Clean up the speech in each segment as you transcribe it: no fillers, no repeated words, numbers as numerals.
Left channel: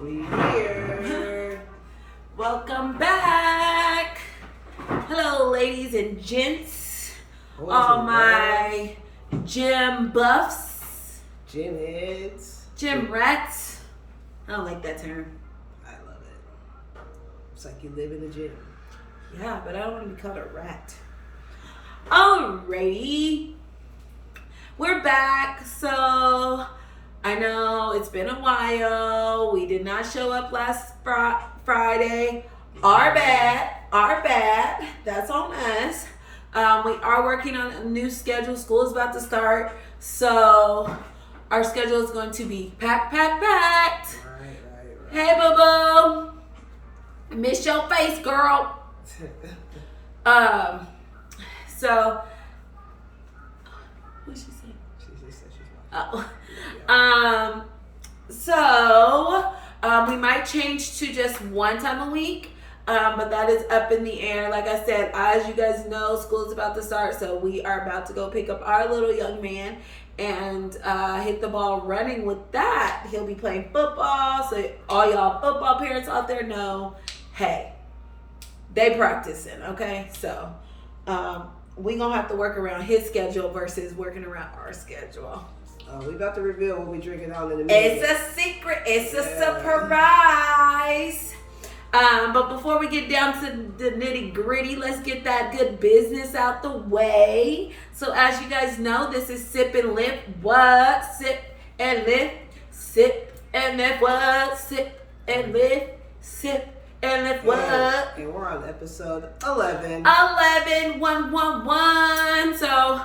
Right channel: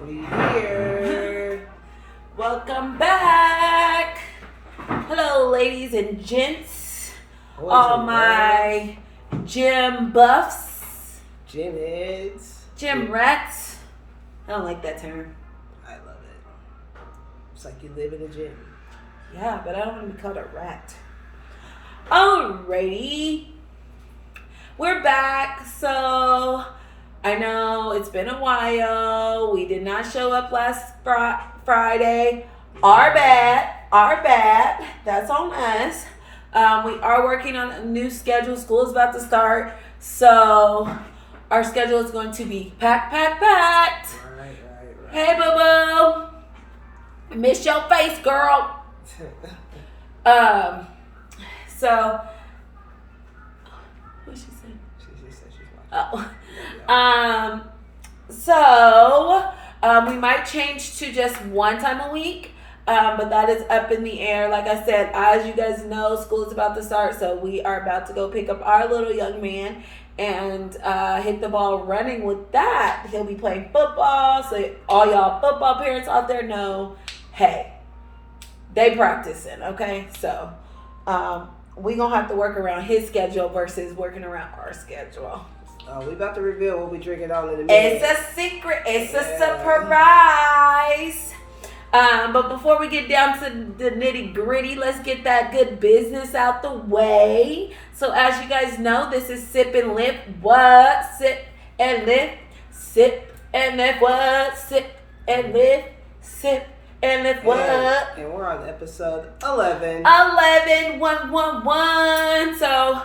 We here. Welcome back. Hello, ladies and gents. All my gym buffs. Gym heads. Gym rats. I don't like that term. I love it. It's like you live in a gym. Yeah, but I don't want to be called a rat. Alrighty. We're back. So I know it's been a while. We did not show up last Friday. Our bad. That's on us. We are working on a new schedule. School is about to start. So our schedule is going to be packed. Right. Hey, boo-boo. Miss your face, girl. So, what'd she say? She just said she's watching. Oh. So, we might change to just one time a week, but that is up in the air. Like I said, as you guys know, school is about to start, so we are about to go pick up our little young man and hit the ball running with that. He'll be playing football, so all y'all football parents out there know, hey, they practicing, okay? So, we gonna have to work around his schedule versus working around our schedule. We about to reveal what we drinking on in a minute. It's a secret. It's a surprise. But before we get down to the nitty gritty, let's get that good business out the way. So as you guys know, this is Sip and Lift. What? Sip and lift. Sip and lift. What? Sip and lift. Sip and lift. What? And we're on episode 11. 111. So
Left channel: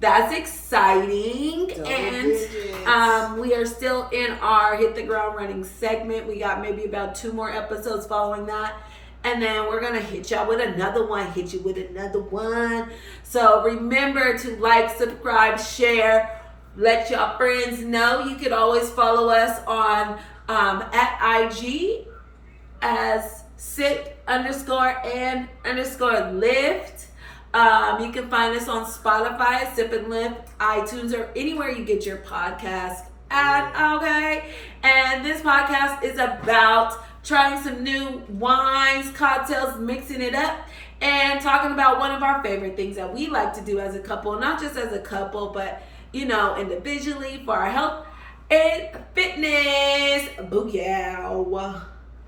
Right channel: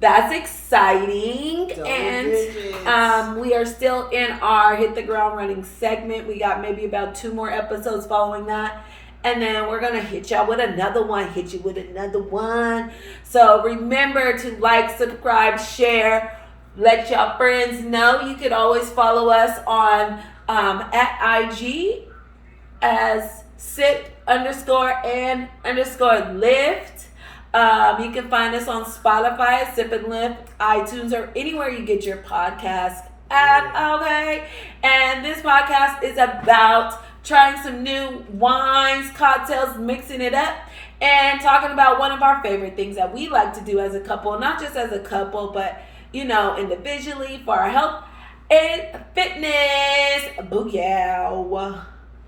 that's exciting. And we are still in our Hit the Ground Running segment. We got maybe about 2 more episodes following that. And then we're going to hit y'all with another one. Hit you with another one. So remember to like, subscribe, share. Let y'all friends know. You can always follow us on at IG as sip_and_lift. You can find us on Spotify at Sip and Lift, iTunes, or anywhere you get your podcast at, okay? And this podcast is about trying some new wines, cocktails, mixing it up, and talking about one of our favorite things that we like to do as a couple, not just as a couple, but, you know, individually for our health and fitness. Booyah.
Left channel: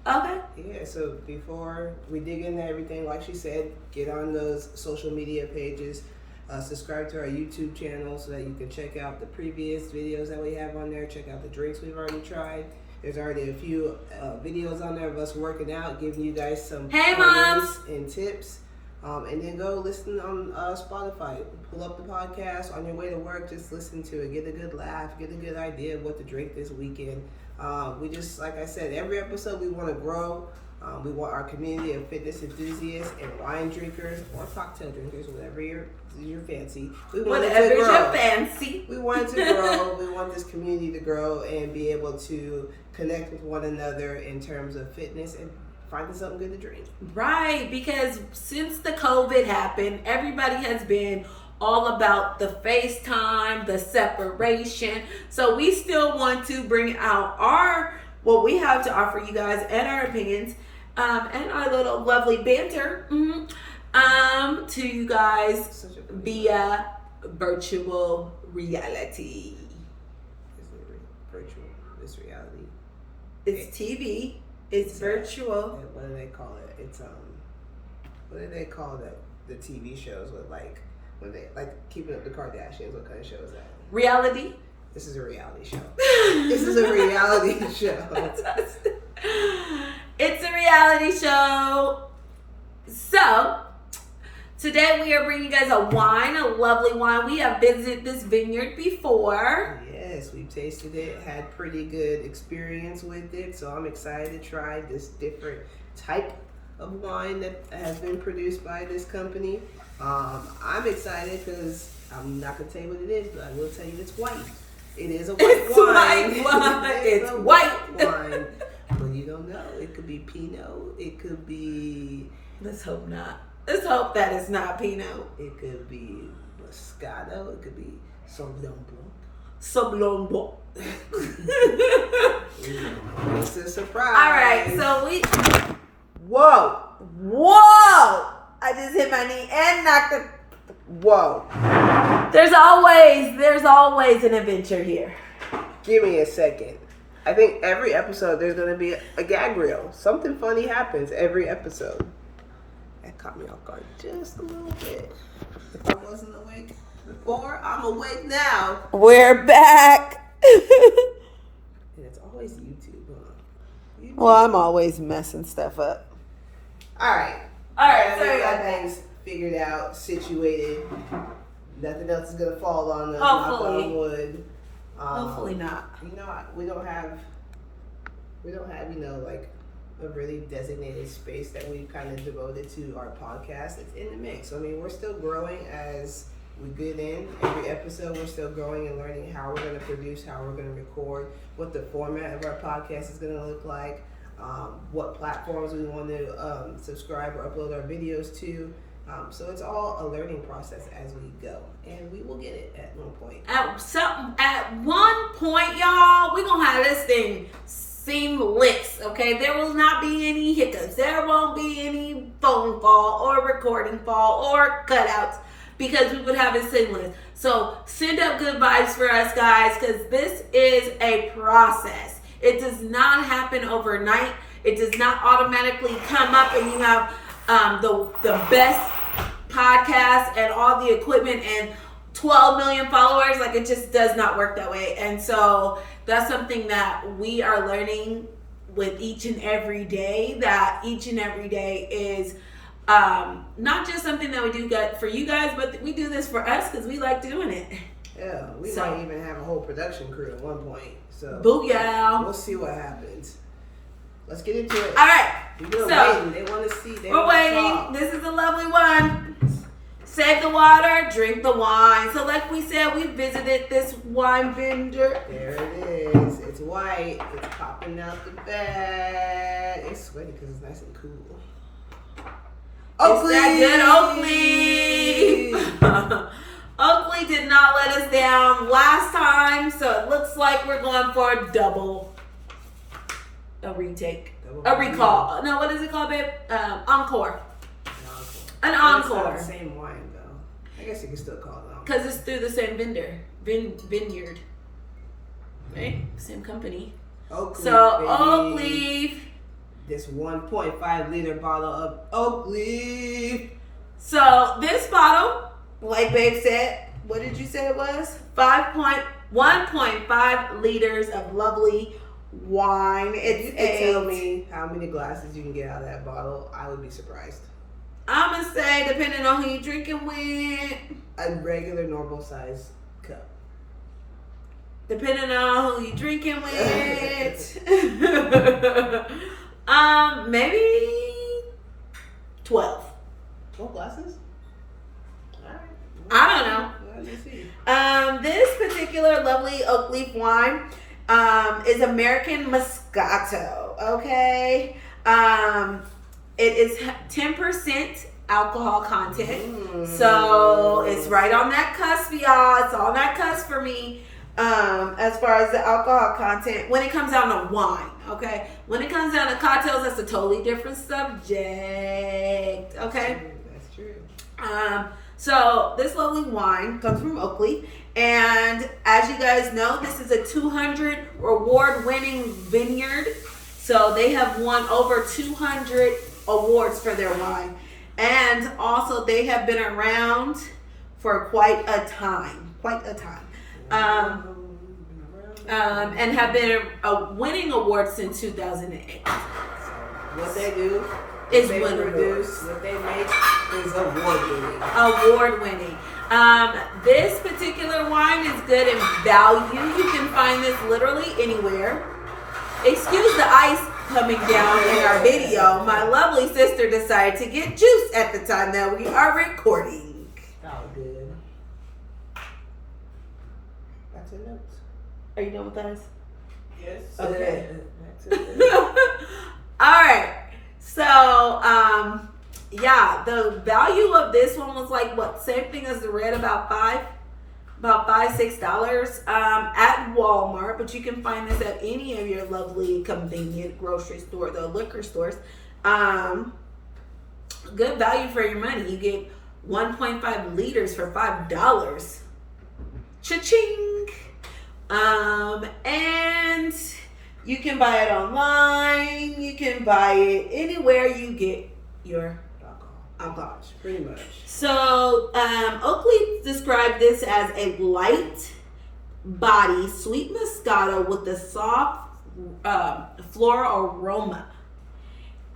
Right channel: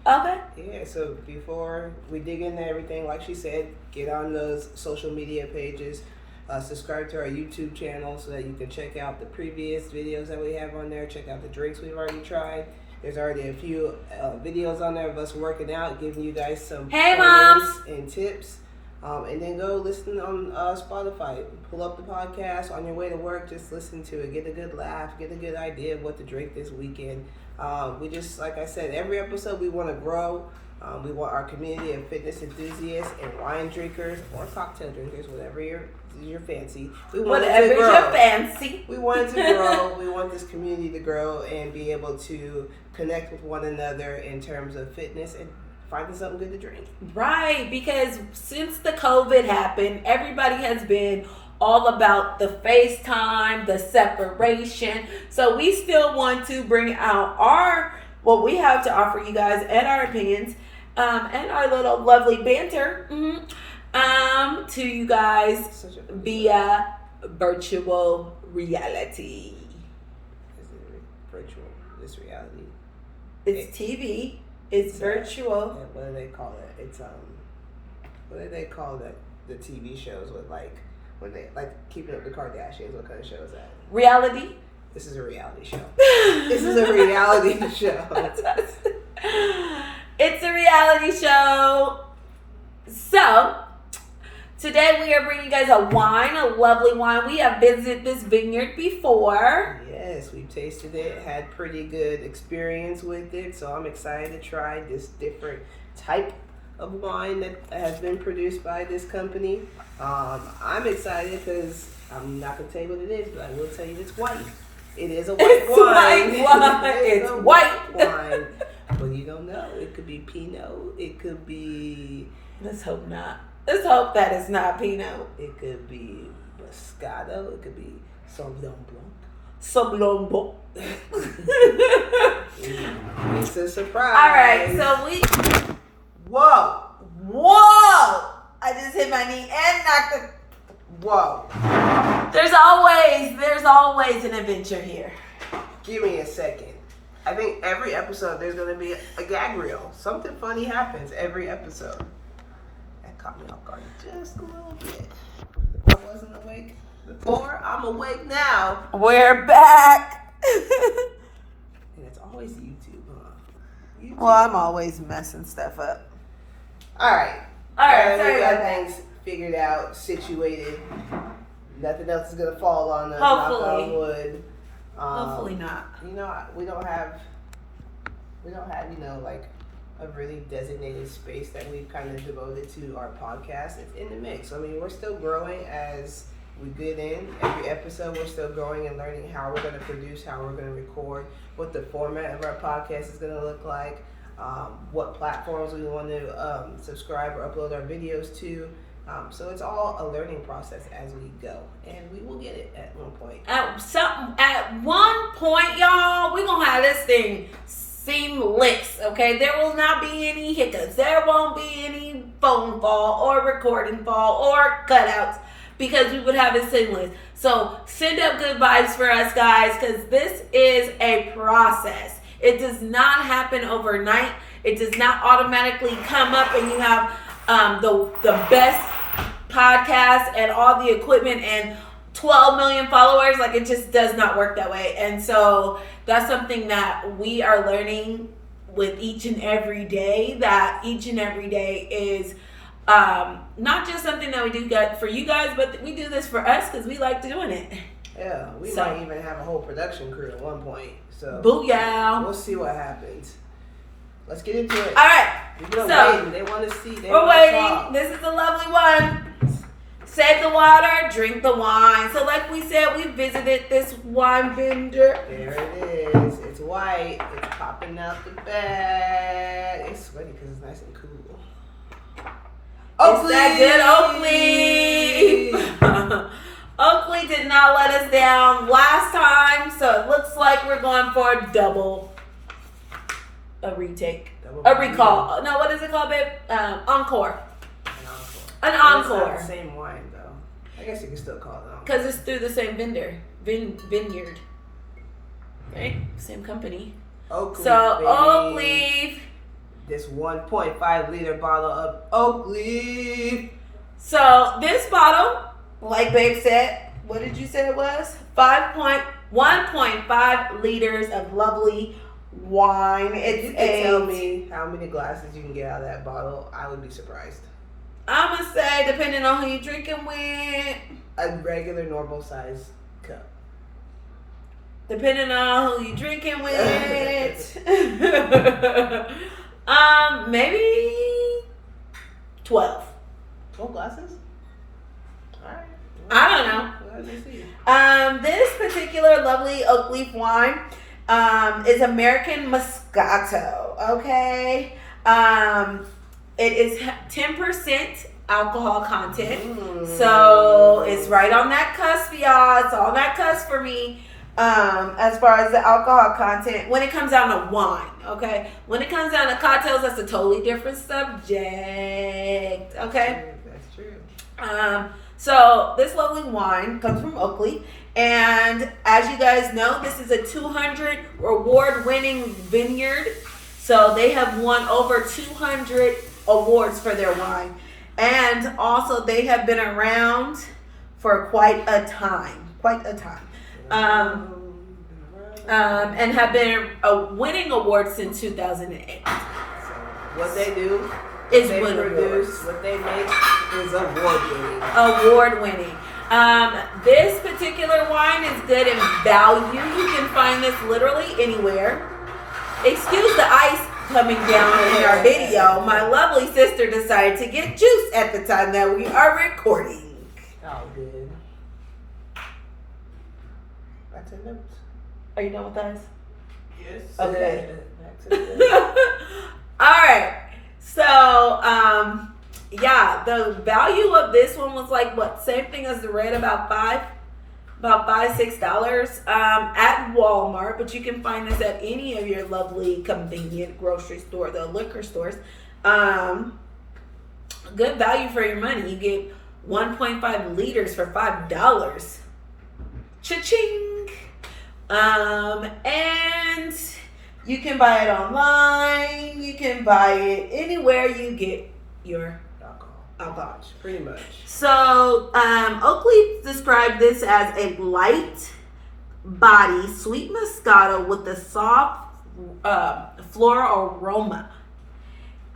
Okay. Yeah, so before we dig into everything, like she said, get on those social media pages, subscribe to our YouTube channel so that you can check out the previous videos that we have on there, check out the drinks we've already tried. There's already a few videos on there of us working out, giving you guys some moms and tips. And then go listen on Spotify. Pull up the podcast on your way to work. Just listen to it. Get a good laugh. Get a good idea of what to drink this weekend. We just, like I said, every episode we want to grow. We want our community of fitness enthusiasts and wine drinkers or cocktail drinkers, whatever your fancy. We want it to grow. Your fancy. We want it to grow. We want this community to grow and be able to connect with one another in terms of fitness and finding something good to drink. Right, because since the COVID happened, everybody has been all about the FaceTime, the separation. So we still want to bring out what we have to offer you guys and our opinions and our little lovely banter to you guys via virtual reality. Is it virtual? It's reality. It's TV. It's virtual. What do they call it? It's what do they call the TV shows with when they Keeping Up the Kardashians? What kind of show is that? Reality. This is a reality show. This is a reality show. It's a reality show. So today we are bringing you guys a lovely wine. We have visited this vineyard before. Yes, we've tasted it, had pretty good experience with it. So I'm excited to try this different type of wine that has been produced by this company. I'm excited because I'm not going to tell you what it is, but I will tell you it's white. It is a white wine. It's white wine. But you don't know. It could be Pinot. It could be... Let's hope not. Let's hope that it's not Pinot. It could be Moscato. It could be Sauvignon Blanc. Sablongo. It's a surprise. All right, so Whoa. I just hit my knee and knocked it. Whoa. There's always an adventure here. Give me a second. I think every episode there's going to be a gag reel. Something funny happens every episode. That caught me off guard just a little bit. If I wasn't awake before, I'm awake now. We're back. And it's always YouTube, huh? YouTube. Well, I'm always messing stuff up. All right. Sorry We got about that. things figured out, situated. Nothing else is gonna fall on us. Hopefully. Knock on wood. Hopefully not. You know, we don't have, like a really designated space that we've kind of devoted to our podcast. It's in the mix. I mean, we're still growing as we get in. Every episode, we're still growing and learning how we're going to produce, how we're going to record, what the format of our podcast is going to look like, what platforms we want to subscribe or upload our videos to. So it's all a learning process as we go, and we will get it at one point. At one point, y'all, we're gonna have this thing seamless. Okay, there will not be any hiccups. There won't be any phone fall or recording fall or cutouts because we would have it seamless. So send up good vibes for us, guys, because this is a process. It does not happen overnight. It does not automatically come up and you have the best podcast and all the equipment and 12 million followers. Like, it just does not work that way. And so that's something that we are learning with each and every day, that each and every day is not just something that we do for you guys, but we do this for us because we like doing it. Yeah, we might even have a whole production crew at one point. So booyah. We'll see what happens. Let's get into it. All right. People are waiting. They want to see. We're waiting. This is a lovely one. Save the water, drink the wine. So like we said, we visited this wine vendor. There it is. It's white. It's popping out the bag. It's sweaty because it's nice and cool. Oakley! It's that good Oakley. Oakley did not let us down last time, so it looks like we're going for a retake. A recall. No, what is it called, babe? Encore. An encore. It's not the same wine, though. I guess you can still call it encore. Because it's through the same vineyard. Right? Same company. Oak Leaf, so, baby. Oak Leaf. This 1.5 liter bottle of Oak Leaf. So, this bottle, like babe said, what did you say it was? 1.5 liters of lovely wine. If you could tell me how many glasses you can get out of that bottle, I would be surprised. I'm going to say, depending on who you're drinking with, a regular, normal size cup. Depending on who you're drinking with. Maybe 12. 12 glasses? All right. I don't know. Let me see. This particular lovely Oak Leaf wine is American Moscato. Okay. It is 10% alcohol content. So it's right on that cusp, y'all. It's on that cusp for me. As far as the alcohol content, when it comes down to wine, okay? When it comes down to cocktails, that's a totally different subject, okay? That's true. So this lovely wine comes from Oakley, and as you guys know, this is a 200 award-winning vineyard. So they have won over 200 awards for their wine, and also they have been around for quite a time. And have been winning awards since 2008. So what they do is they win produce, awards. what they make is award-winning. Award-winning. This particular wine is good in value. You can find this literally anywhere. Excuse the ice coming down in our video. My lovely sister decided to get juice at the time that we are recording. Oh, good. Back to the notes. Are you done with us? Yes. Okay. Back to the notes. All right. So, yeah, the value of this one was like what? Same thing as the red, about $5. about $5-6 at Walmart, but you can find this at any of your lovely convenient grocery store, the liquor stores. Good value for your money. You get 1.5 liters for $5. Cha-ching! And you can buy it online. You can buy it anywhere you get your alcohol. Pretty much. So, Oakley described this as a light body sweet Moscato with a soft floral aroma,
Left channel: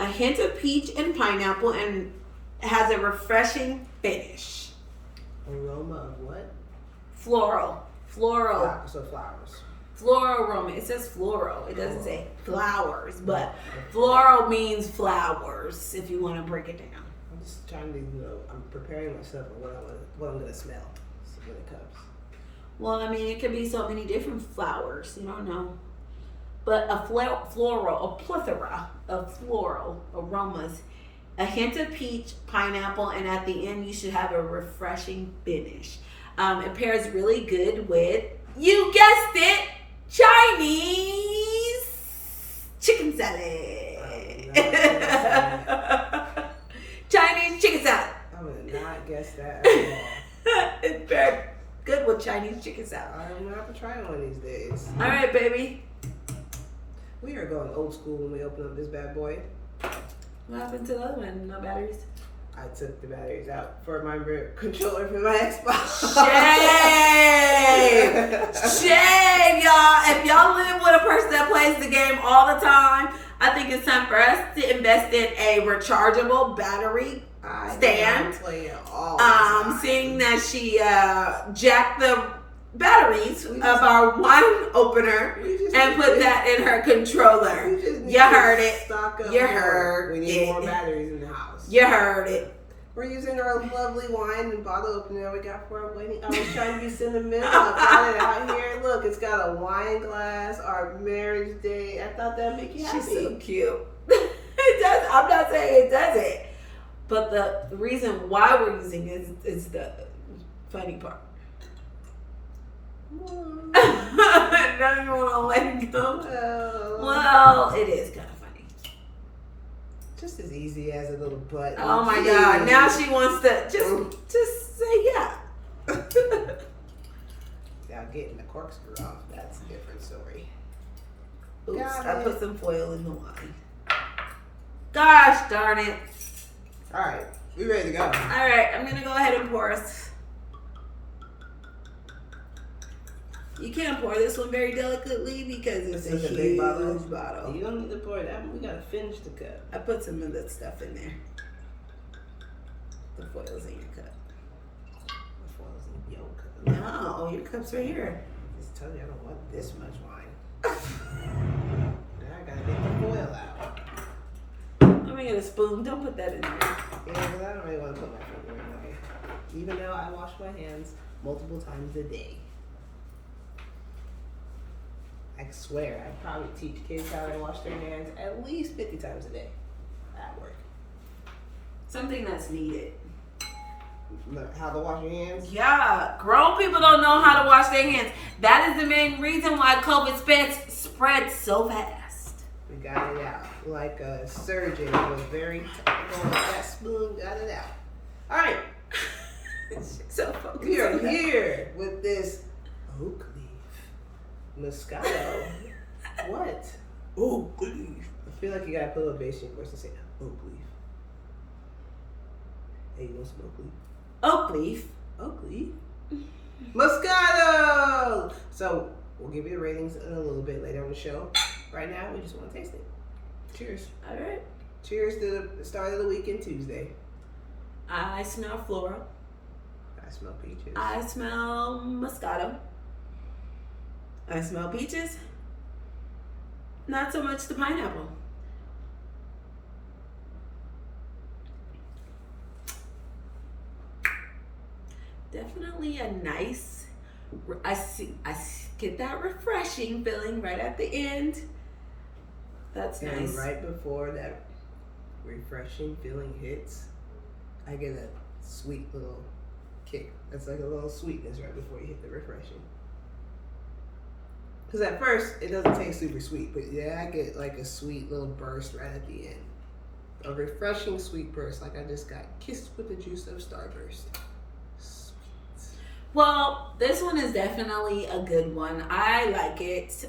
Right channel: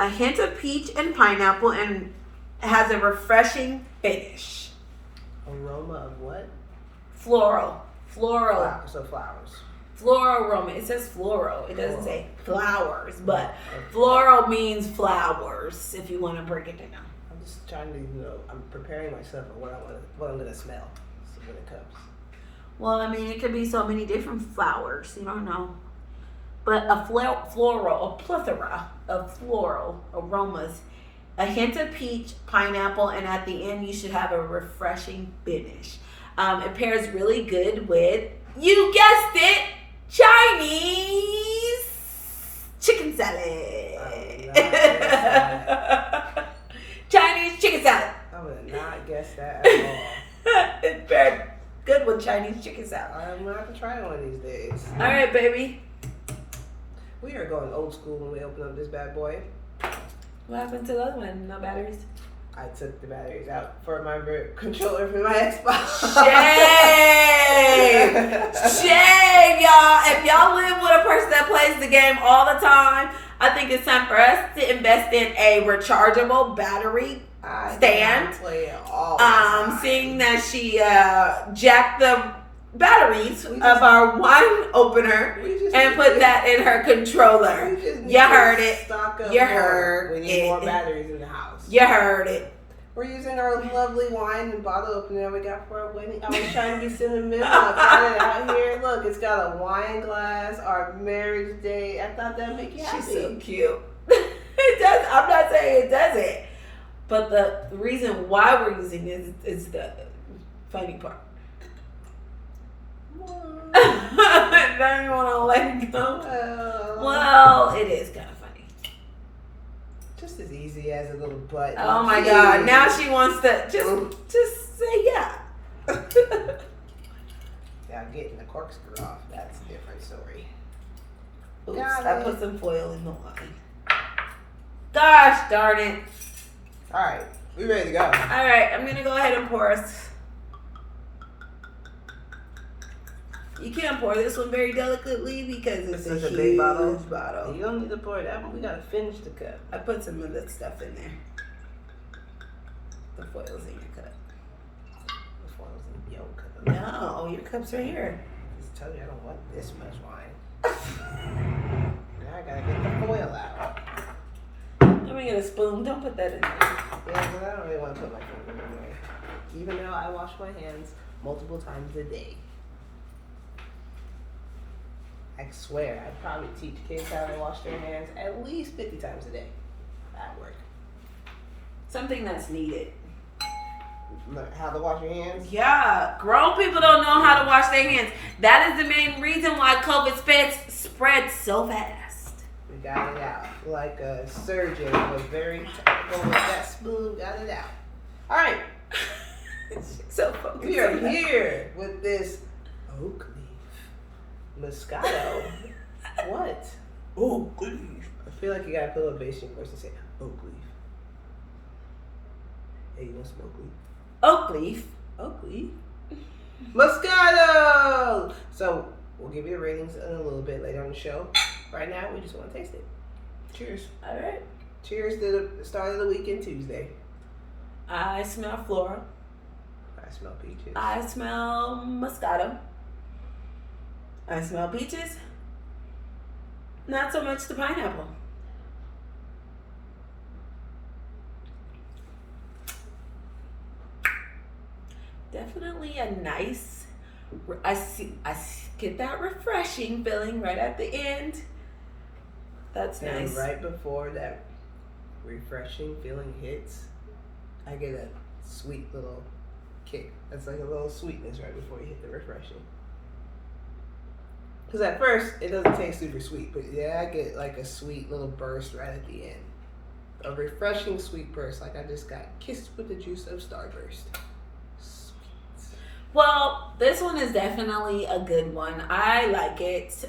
a hint of peach and pineapple, and has a refreshing finish. Aroma of what? Floral. So flowers. Floral aroma. It says floral. It doesn't say flowers, but floral means flowers. If you want to break it down. I'm just trying to, I'm preparing myself for what I'm gonna smell when it comes. Well, I mean, it could be so many different flowers. You don't know. But a plethora of floral aromas, a hint of peach, pineapple, and at the end you should have a refreshing finish. It pairs really good with, you guessed it, Chinese chicken salad. Chinese chicken salad. I would not guess that at all. It's paired good with Chinese chicken salad. I'm gonna have to try one of these days. All right, baby. We are going old school when we open up this bad boy. What happened to the other one? No batteries? I took the batteries out for my controller for my Xbox. Shame! Shame, y'all. If y'all live with a person that plays the game all the time, I think it's time for us to invest in a rechargeable battery stand. Play it all Seeing that she jacked the batteries of our wine opener and put that in her controller. You heard it. You heard we need it. more batteries in the house. You heard it. We're using our lovely wine and bottle opener we got for our wedding. I was trying to be sentimental. I got it out here. Look, it's got a wine glass, our marriage day. I thought that'd make you happy. She's so cute. It does. I'm not saying it doesn't. But the reason why we're using it is the funny part. Now you want to let it go? Well, it is kind of funny. Just as easy as a little button. Oh my God! Now she wants to just say yeah. Yeah, getting the corkscrew off. That's a different story. Oops, I put some foil in the wine. Gosh darn it! All right, we ready to go. All right, I'm gonna go ahead and pour us. You can't pour this one very delicately because it's a big bottle. bottle. You don't need to pour that one. We gotta finish the cup. I put some of that stuff in there. The foil's in your cup. The foil's in your cup. No, your cup's right here. Just tell you I don't want this much wine. Now I gotta get the foil out. Let me get a spoon. Don't put that in there. Yeah, because I don't really want to put my finger in there. Even now, I wash my hands multiple times a day. I swear, I'd probably teach kids how to wash their hands at least 50 times a day at work. Something that's needed. Learn how to wash your hands? Yeah, grown people don't know how to wash their hands. That is the main reason why COVID spread so fast. We got it out. Like a surgeon was very technical with that spoon, got it out. All right. So focused. We are here with this oak leaf Moscato. What? Oak leaf. I feel like you gotta put a little bass in voice to say oak leaf. Hey, you want some oak leaf? Oak leaf. Oak leaf. Moscato! So, we'll give you the ratings in a little bit later on the show. Right now, we just want to taste it. Cheers. All right. Cheers to the start of the weekend, Tuesday. I smell floral. I smell peaches. I smell Moscato. I smell peaches. Not so much the pineapple. Definitely a nice, I get that refreshing feeling right at the end. That's and nice. Right before that refreshing feeling hits, I get a sweet little kick. That's like a little sweetness right before you hit the refreshing. Because at first, it doesn't taste super sweet, but yeah, I get like a sweet little burst right at the end. A refreshing sweet burst, like I just got kissed with the juice of Starburst. Sweet. Well, this one is definitely a good one. I like it.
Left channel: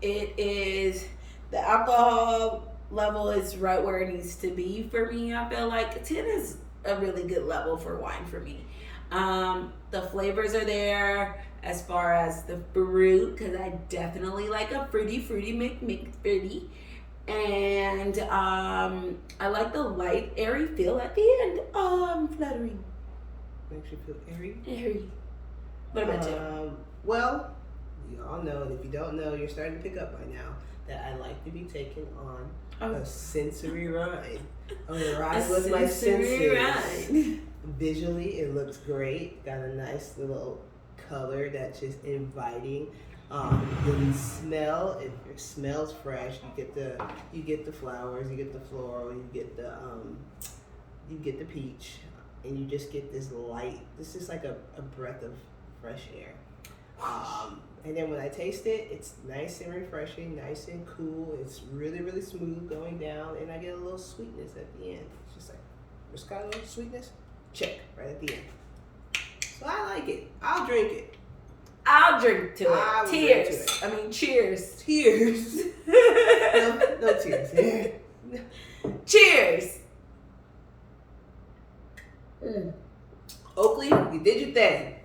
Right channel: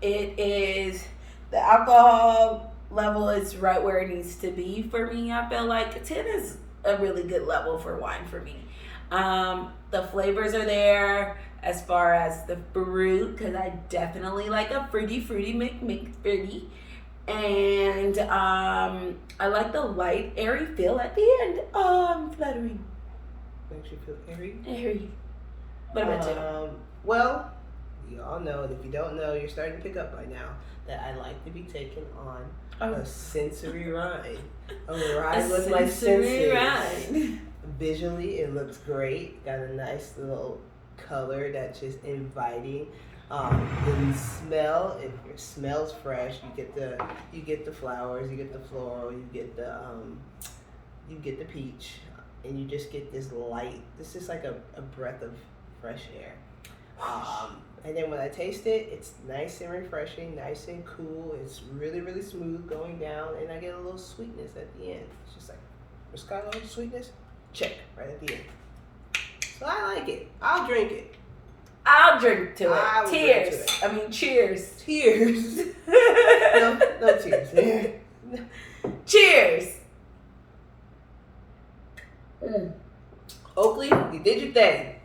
It is, the alcohol level is right where it needs to be for me. I feel like 10 is a really good level for wine for me. The flavors are there as far as the fruit, because I definitely like a fruity fruity. And I like the light, airy feel at the end. Oh, I'm fluttering. Makes you feel airy. Airy. What about you? Well, you all know, and if you don't know, you're starting to pick up by now, that I like to be taken on a sensory ride. A ride with my senses. Ride. Visually, it looks great. Got a nice little color that's just inviting. The smell, if it smells fresh, you get the flowers, you get the floral, you get the peach, and you just get this light. This is like a breath of fresh air. And then when I taste it, it's nice and refreshing, nice and cool. It's really, really smooth going down, and I get a little sweetness at the end. It's just like Moscato sweetness, check right at the end. So I like it. I'll drink it. I'll drink to it. Tears. I mean, cheers. Tears. No tears. Cheers. Oakley, you did your thing.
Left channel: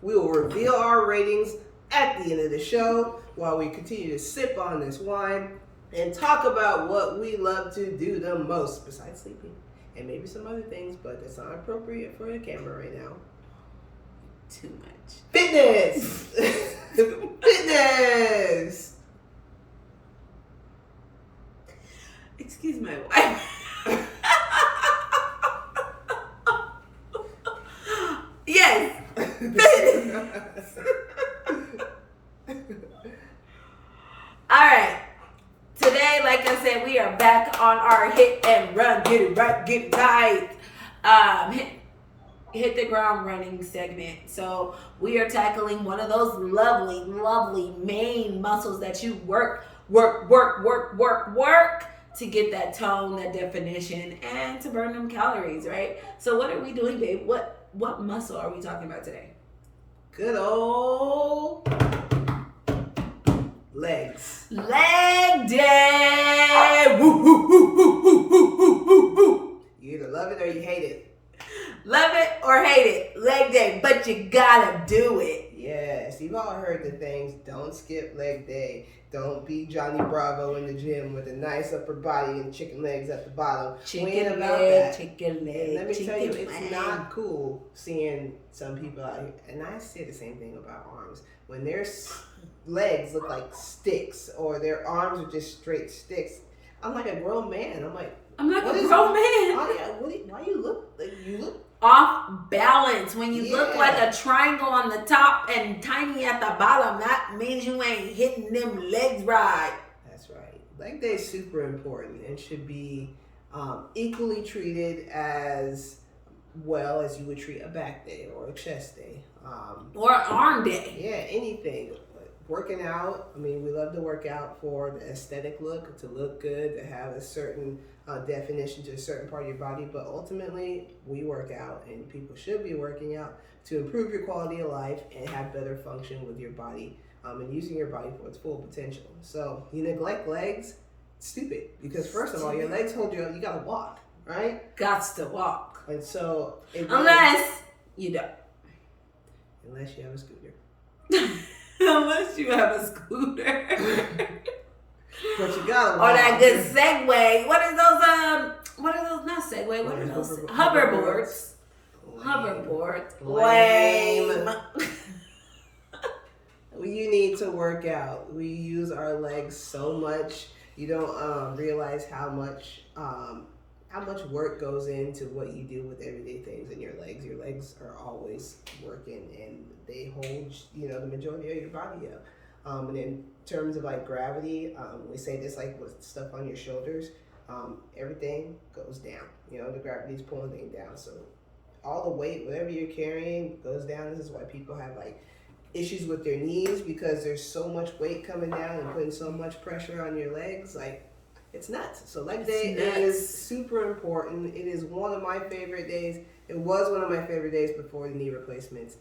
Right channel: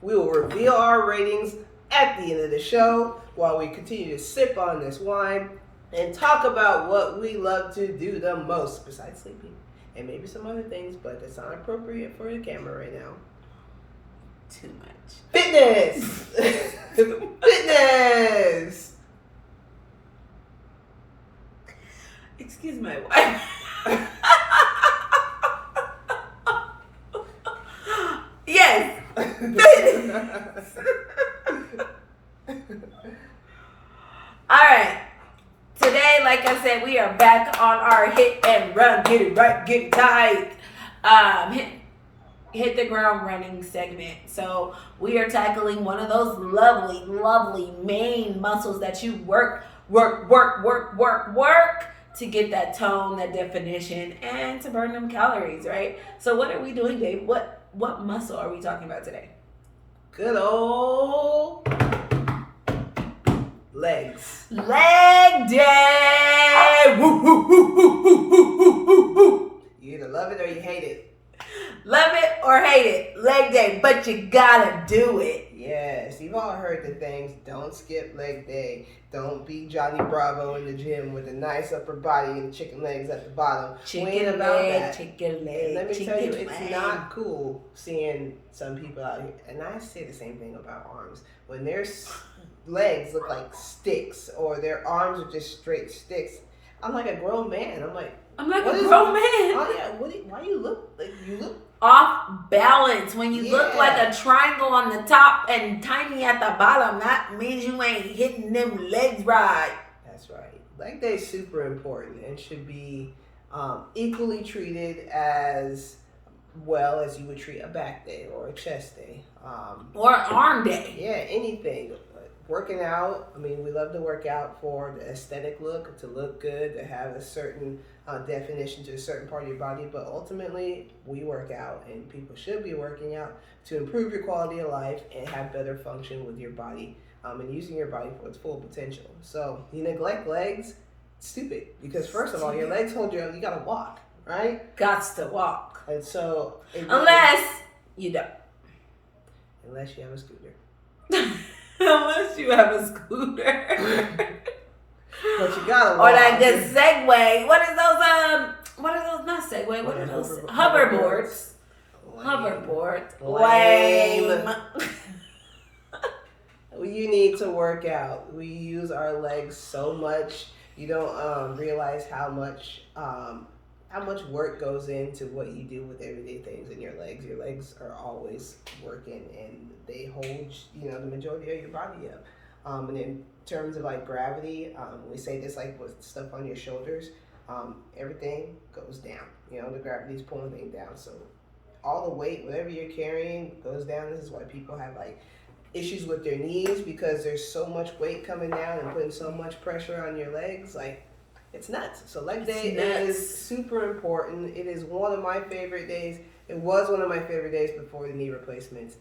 We will reveal our ratings at the end of the show while we continue to sip on this wine and talk about what we love to do the most besides sleeping and maybe some other things, but that's not appropriate for the camera right now. Too much. Fitness! Fitness! Excuse my wife. Yes! Fitness! Alright. Today, like I said, we are back on our hit and run, get it right, get it tight. Hit the ground running segment. So we are tackling one of those lovely main muscles that you work to get that tone, that definition, and to burn them calories, right? So what are we doing, babe? What muscle are we talking about today? Good old legs. Leg day. Woo, woo, woo, woo, woo, woo, woo, woo. You either love it or you hate it. Love it or hate it, leg day, but you gotta do it. Yes, you've all heard the things. Don't skip leg day. Don't be Johnny Bravo in the gym with a nice upper body and chicken legs at the bottom. Chicken leg. Let me tell you, it's not cool seeing some people out here, and I say the same thing about arms. When their legs look like sticks or their arms are just straight sticks, I'm like a grown man. I'm like a grown man. Why you look like you look off balance when you look like a triangle on the top and tiny at the bottom? That means you ain't hitting them legs right. That's right. Leg day is super important and should be equally treated as well as you would treat a back day or a chest day or an arm day. Yeah, anything. Working out, I mean, we love to work out for the aesthetic look, to look good, to have a certain definition to a certain part of your body, but ultimately we work out, and people should be working out to improve your quality of life and have better function with your body and using your body for its full potential. So you neglect legs, stupid, because first of all, your legs hold you up, you gotta walk, right? Gots to walk. And so unless you don't. Unless you have a scooter. Unless you have a scooter. But you gotta walk. Or that good Segway. What are those? Not Segway. What are those? Hoverboards. Hoverboards. Lame. You need to work out. We use our legs so much. You don't realize how much work goes into what you do with everyday things in your legs. Your legs are always working, and they hold the majority of your body up. And in terms of like gravity, we say this like with stuff on your shoulders, everything goes down. The gravity is pulling things down. So all the weight, whatever you're carrying, goes down. This is why people have like issues with their knees, because there's so much weight coming down and putting so much pressure on your legs. Like, it's nuts. So leg day is super important. It is one of my favorite days. It was one of my favorite days before the knee replacements.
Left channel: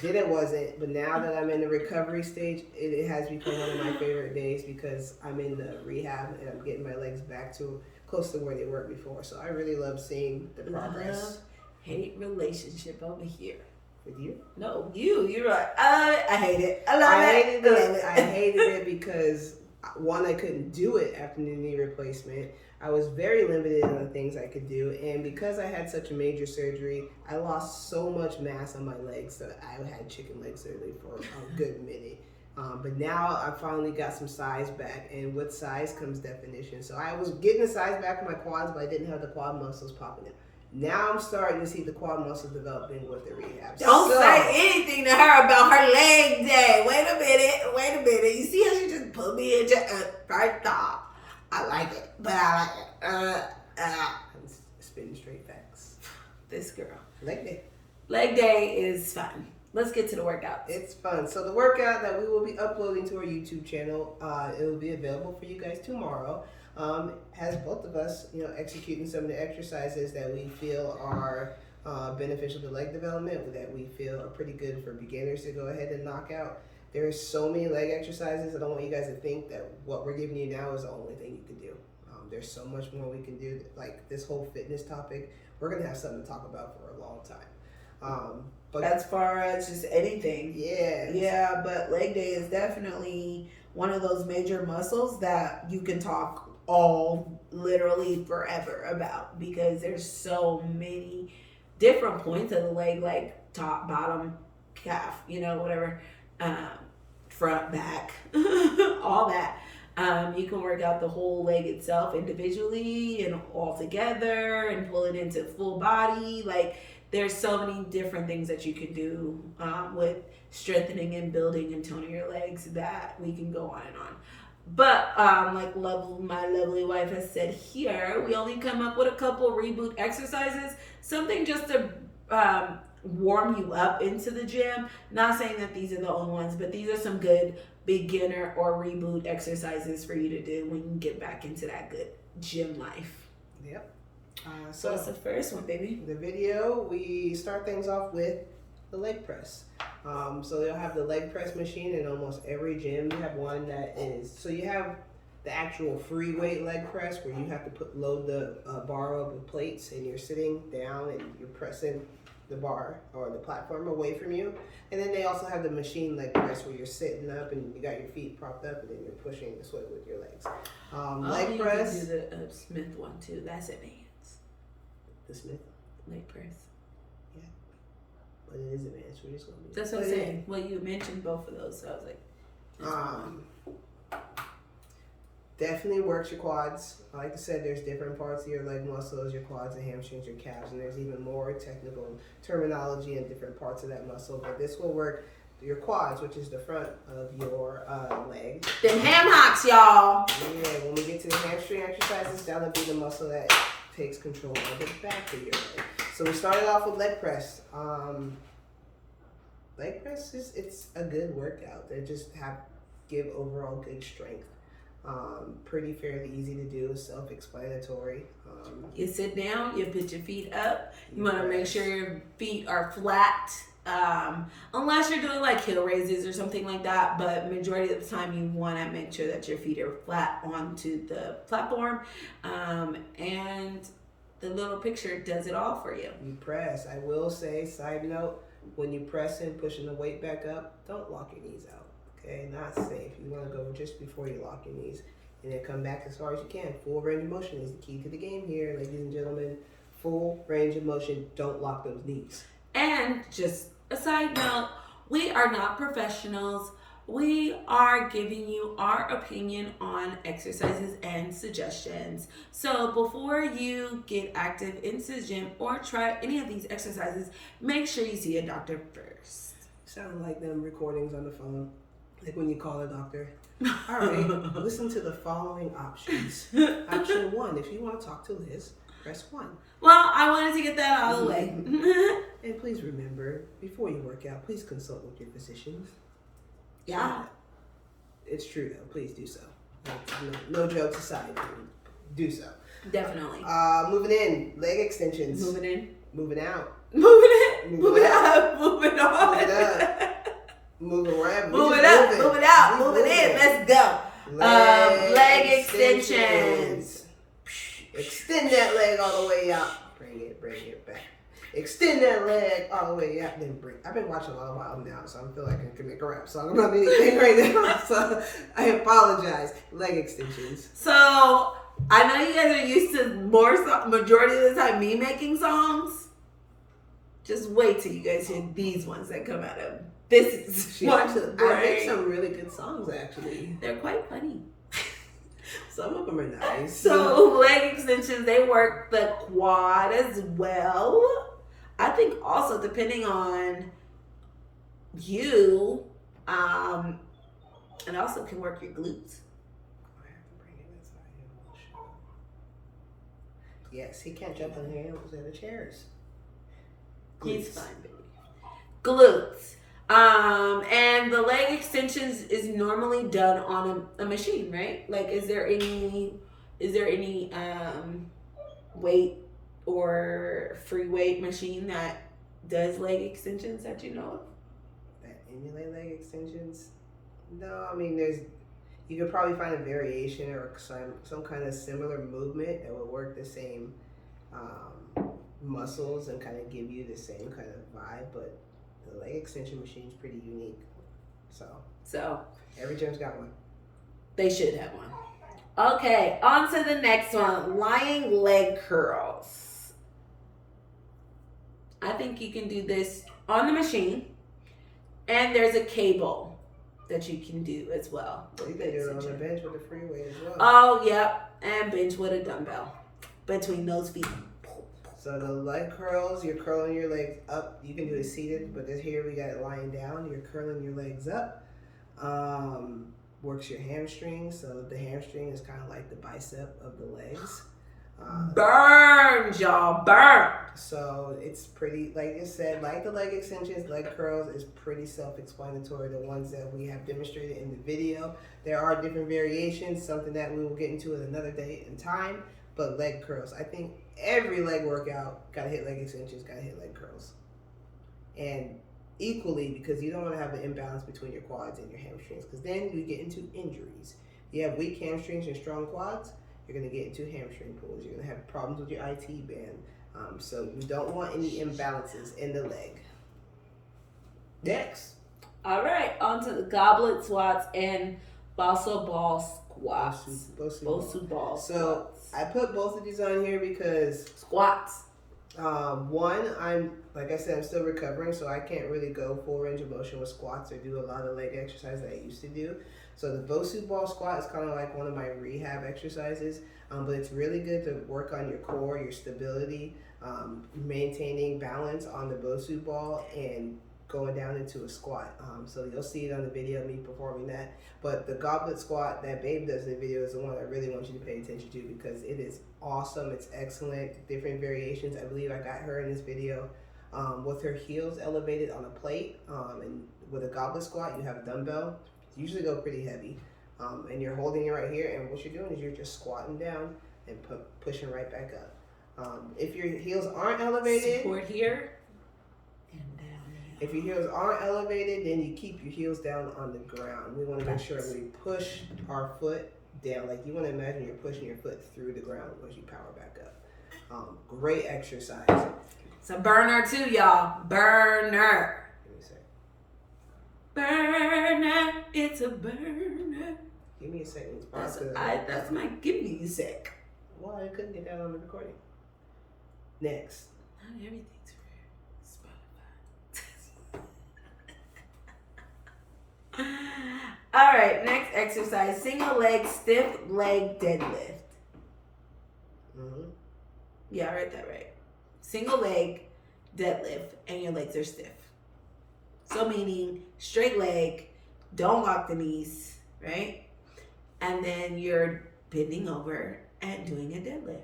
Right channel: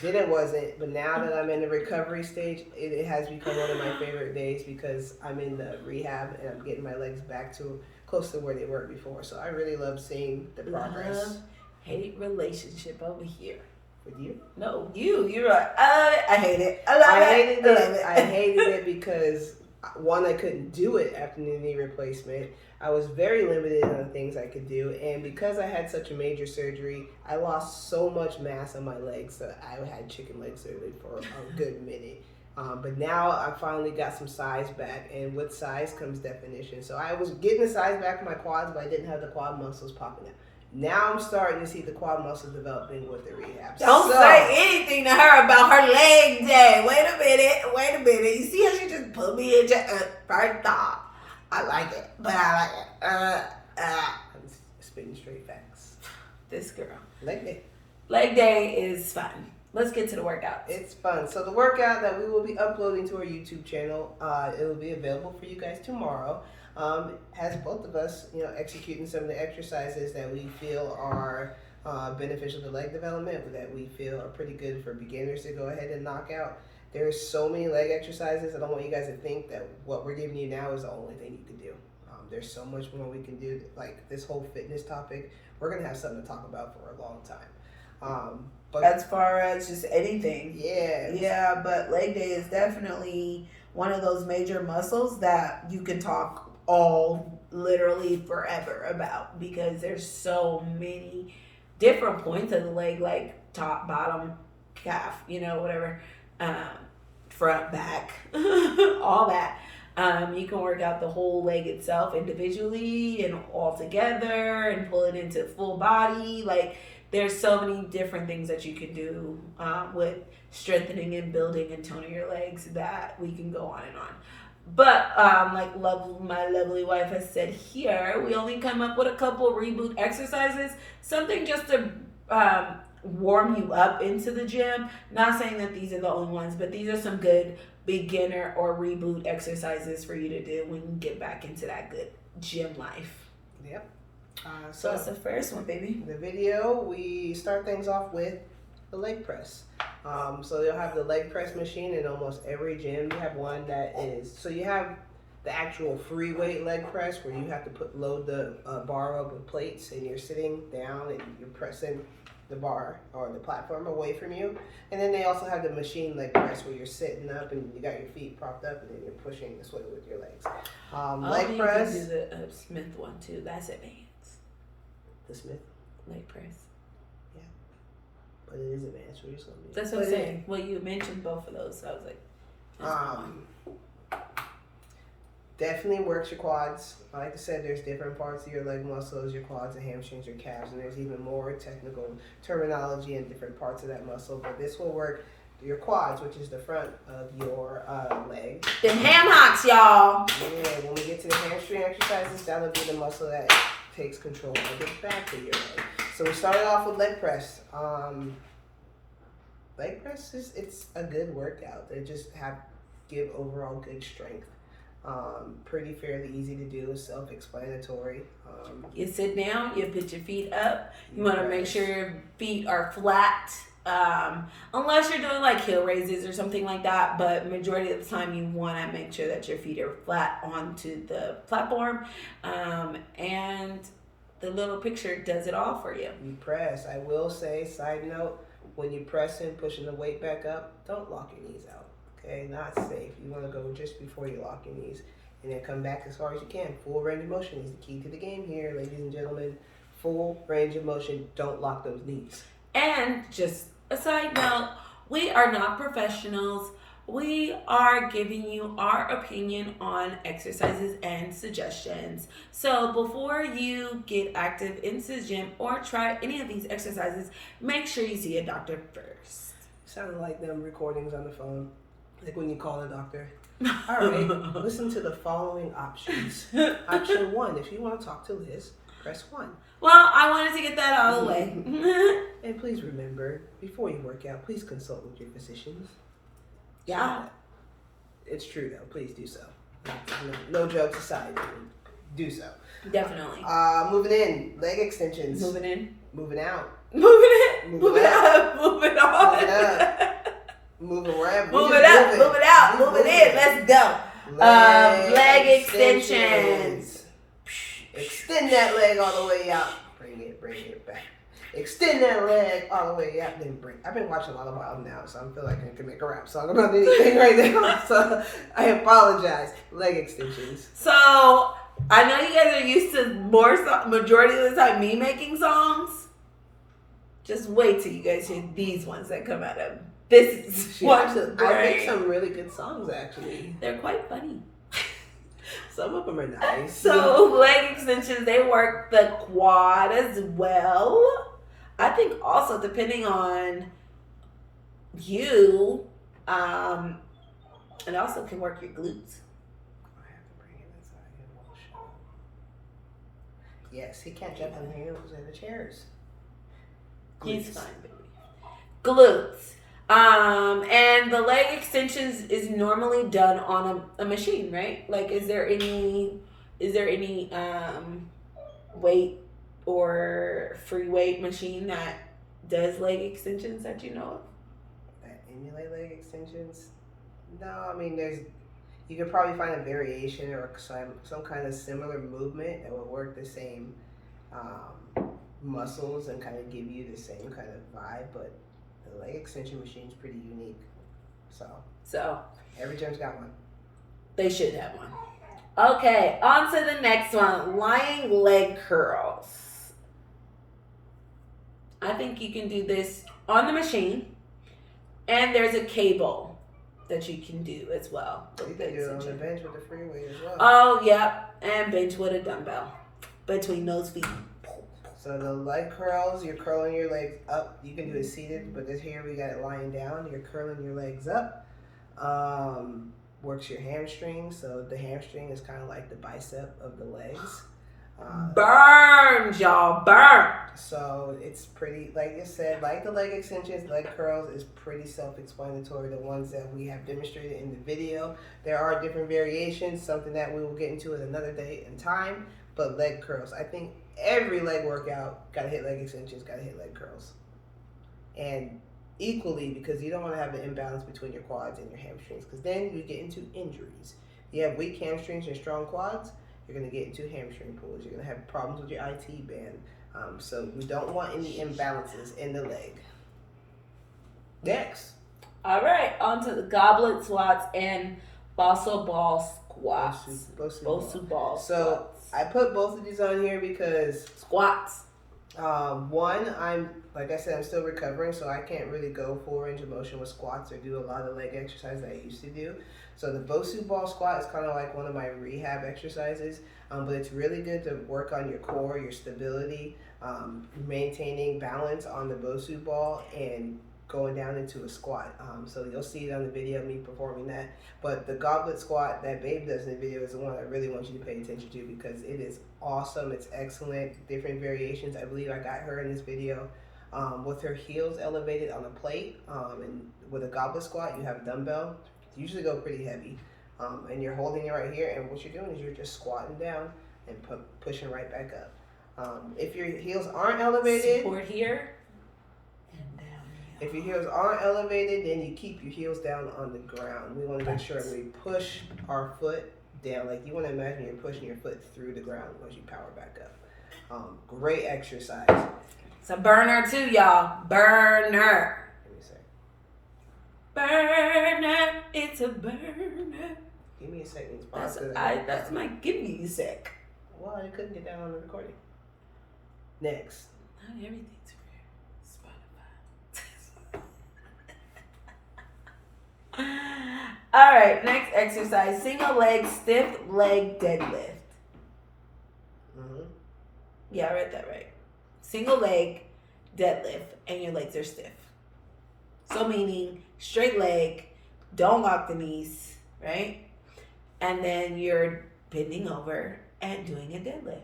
Then it wasn't, but now that I'm in the recovery stage, it has become one of my favorite days because I'm in the rehab and I'm getting my legs back to close to where they were before. So I really love seeing the progress. Love-hate relationship over here. With you? No, you're right. I hate it. I love it. I hated it because, one, I couldn't do it after the knee replacement. I was very limited on the things I could do, and because I had such a major surgery, I lost so much mass on my legs that I had chicken legs literally for a good minute. But now I finally got some size back, and with size comes definition. So I was getting the size back in my quads, but I didn't have the quad muscles popping up. Now I'm starting to see the quad muscles developing with the rehab. Don't say anything to her about her leg day. Wait a minute. You see how she just put me into first off, I like it, but I like it. I'm spitting straight facts. This girl. Leg day. Leg day is fun. Let's get to the workout. It's fun. So the workout that we will be uploading to our YouTube channel, it will be available for you guys tomorrow. Has both of us, executing some of the exercises that we feel are beneficial to leg development, that we feel are pretty good for beginners to go ahead and knock out. There are so many leg exercises. I don't want you guys to think that what we're giving you now is the only thing you can do. There's so much more we can do. Like this whole fitness topic, we're going to have something to talk about for a long time. But as far as just anything. Yeah. Yeah, but leg day is definitely one of those major muscles that you can talk all literally forever about, because there's so many different points of the leg, like top, bottom, calf, whatever, front, back, all that. You can work out the whole leg itself individually and all together and pull it into full body. Like, there's so many different things that you can do with strengthening and building and toning your legs that we can go on and on. But like my lovely wife has said here, we only come up with a couple reboot exercises, something just to warm you up into the gym. Not saying that these are the only ones, but these are some good beginner or reboot exercises for you to do when you get back into that good gym life. Yep. So that's the first one, baby. The video, we start things off with the leg press. So you'll have the leg press machine in almost every gym. You have one that is, so you have the actual free weight leg press where you have to load the bar up with plates, and you're sitting down and you're pressing the bar or the platform away from you. And then they also have the machine leg press where you're sitting up and you got your feet propped up and then you're pushing this way with your legs. Leg press. You can do the Smith one too. That's advanced. The Smith leg press. Yeah, but it is advanced. We're just gonna do. That's what I'm saying. Well, you mentioned both of those, so I was like, definitely works your quads. Like I said, there's different parts of your leg muscles, your quads, your hamstrings, your calves, and there's even more technical terminology in different parts of that muscle. But this will work your quads, which is the front of your leg. Them ham hocks, y'all. Yeah, when we get to the hamstring exercises, that'll be the muscle that takes control of the back of your leg. So we started off with leg press. Leg press it's a good workout. They just give overall good strength. Pretty fairly easy to do, self-explanatory. You sit down, you put your feet up. You want to make sure your feet are flat. Unless you're doing like heel raises or something like that, but majority of the time you want to make sure that your feet are flat onto the platform, and the little picture does it all for you. You press. I will say, side note, when you press in, pushing the weight back up, don't lock your knees out. Okay, not safe. You want to go just before you lock your knees, and then come back as far as you can. Full range of motion is the key to the game here, ladies and gentlemen. Full range of motion. Don't lock those knees. And just a side note, we are not professionals. We are giving you our opinion on exercises and suggestions. So before you get active into the gym or try any of these exercises, make sure you see a doctor first. Sounded like them recordings on the phone, like when you call a doctor. All right, listen to the following options. Option 1, if you want to talk to Liz. Press 1. Well, I wanted to get that out of the way. And please remember, before you work out, please consult with your physicians. Yeah. It's true, though. Please do so. No jokes aside. Do so. Definitely. Moving in. Leg extensions. Moving in. Moving out. Moving in. Moving out. Moving on. Moving up. Moving around. Moving up. Moving out. Moving in. Let's go. Leg extensions. Extend that leg all the way out. Bring it back. Extend that leg all the way out. Then bring. I've been watching a lot of Wild now, so I feel like I can make a rap song about anything right now. So I apologize. Leg extensions. So I know you guys are used to majority of the time me making songs. Just wait till you guys hear these ones that come out of this. I make some really good songs actually. They're quite funny. Some of them are nice. So leg extensions, they work the quad as well. I think also depending on you, it also can work your glutes. I have to bring it inside and we'll show. Yes, he can't jump on the handles of the chairs. He's fine, baby. Glutes. And the leg extensions is normally done on a machine, right? Like, is there any weight or free weight machine that does leg extensions that you know of? That emulate leg extensions? No, I mean you could probably find a variation or some kind of similar movement that will work the same muscles and kind of give you the same kind of vibe, but the leg extension machine is pretty unique. So every gym's got one. They should have one. Okay, on to the next one. Lying leg curls. I think you can do this on the machine, and there's a cable that you can do as well. You can do it on the bench with the free weight as well. Oh, yep, and bench with a dumbbell between those feet. So the leg curls, you're curling your legs up. You can do it seated, but this here we got it lying down. You're curling your legs up. Works your hamstrings. So the hamstring is kind of like the bicep of the legs. Burn, y'all, burn. So it's pretty, like I said, like the leg extensions, leg curls is pretty self-explanatory. The ones that we have demonstrated in the video. There are different variations, something that we will get into at another date and time. But leg curls, I think every leg workout gotta hit leg extensions, gotta hit leg curls, and equally, because you don't want to have an imbalance between your quads and your hamstrings, because then you get into injuries. You have weak hamstrings and strong quads, you're gonna get into hamstring pulls. You're gonna have problems with your IT band. So we don't want any imbalances in the leg. Next. All right, on to the goblet squats and balsa ball squats. Bosu ball. So I put both of these on here because squats. One, like I said, I'm still recovering, so I can't really go full range of motion with squats or do a lot of leg exercise that I used to do. So the Bosu ball squat is kind of like one of my rehab exercises, but it's really good to work on your core, your stability, maintaining balance on the Bosu ball and going down into a squat. So you'll see it on the video, me performing that. But the goblet squat that Babe does in the video is the one I really want you to pay attention to because it is awesome. It's excellent. Different variations. I believe I got her in this video with her heels elevated on a plate. And with a goblet squat, you have a dumbbell. You usually go pretty heavy. And you're holding it right here. And what you're doing is you're just squatting down and pushing right back up. If your heels aren't elevated, support here and down here. If your heels aren't elevated, then you keep your heels down on the ground. We want to make sure we push our foot down. Like you want to imagine you're pushing your foot through the ground once you power back up. Great exercise. It's a burner too, y'all. Burner. Give me a sec. Burner. It's a burner. Give me a second. That's my give me a sec. Well, I couldn't get that on the recording. Next. Not everything's for Spotify. All right, next exercise. Single leg, stiff leg deadlift. Mm-hmm. Yeah, I read that right. Single leg deadlift and your legs are stiff. So meaning straight leg, don't lock the knees, right? And then you're bending over and doing a deadlift.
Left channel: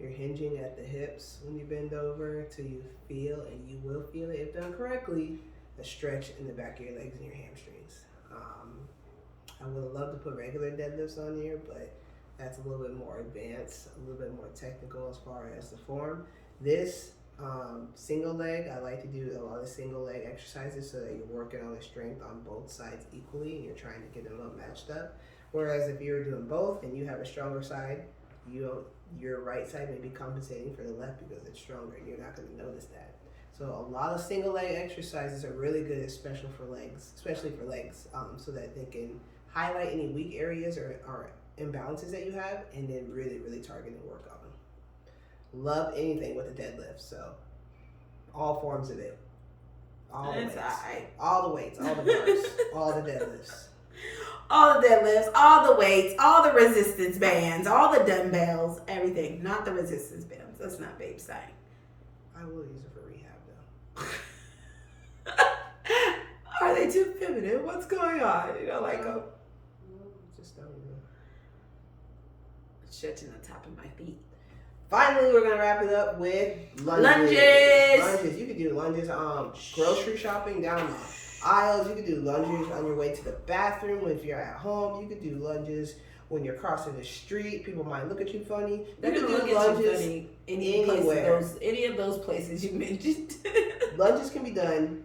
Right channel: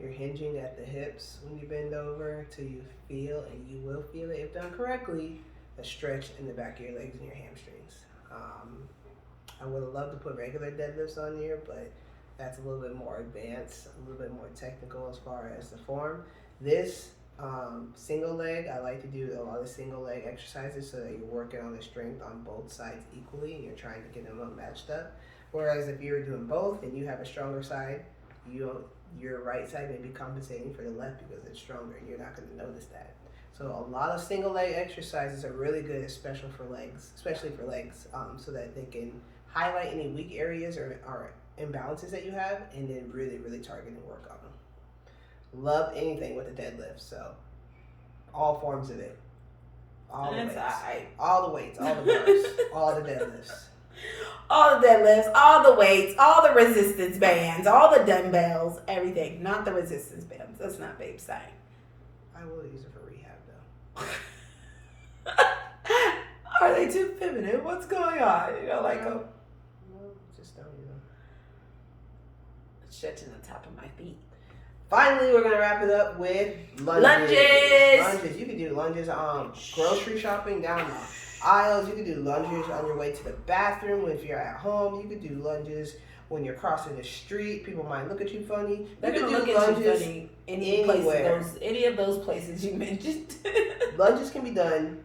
You're hinging at the hips when you bend over till you feel, and you will feel it if done correctly, a stretch in the back of your legs and your hamstrings. I would have loved to put regular deadlifts on here, but that's a little bit more advanced, a little bit more technical as far as the form. This single leg, I like to do a lot of single leg exercises so that you're working on the strength on both sides equally and you're trying to get them up matched up. Whereas if you're doing both and you have a stronger side, your right side may be compensating for the left because it's stronger and you're not going to notice that. So a lot of single leg exercises are really good, especially for legs, so that they can highlight any weak areas or imbalances that you have and then really, really target and work on them. Love anything with a deadlift, so all forms of it. All the weights, all the weights, all the bars, all the deadlifts. All the deadlifts, all the weights, all the resistance bands, all the dumbbells, everything. Not the resistance bands. That's not babe style. I will use it for rehab though. Are they too feminine? What's going on? You know, like a just don't stretching the top of my feet. Finally, we're gonna wrap it up with lunges. You can do lunges grocery shopping down the aisles. You can do lunges on your way to the bathroom. If you're at home, you could do lunges when you're crossing the street. People might look at you funny. They're You gonna can do look at you lunges funny anywhere. Any of those places you mentioned. Lunges can be done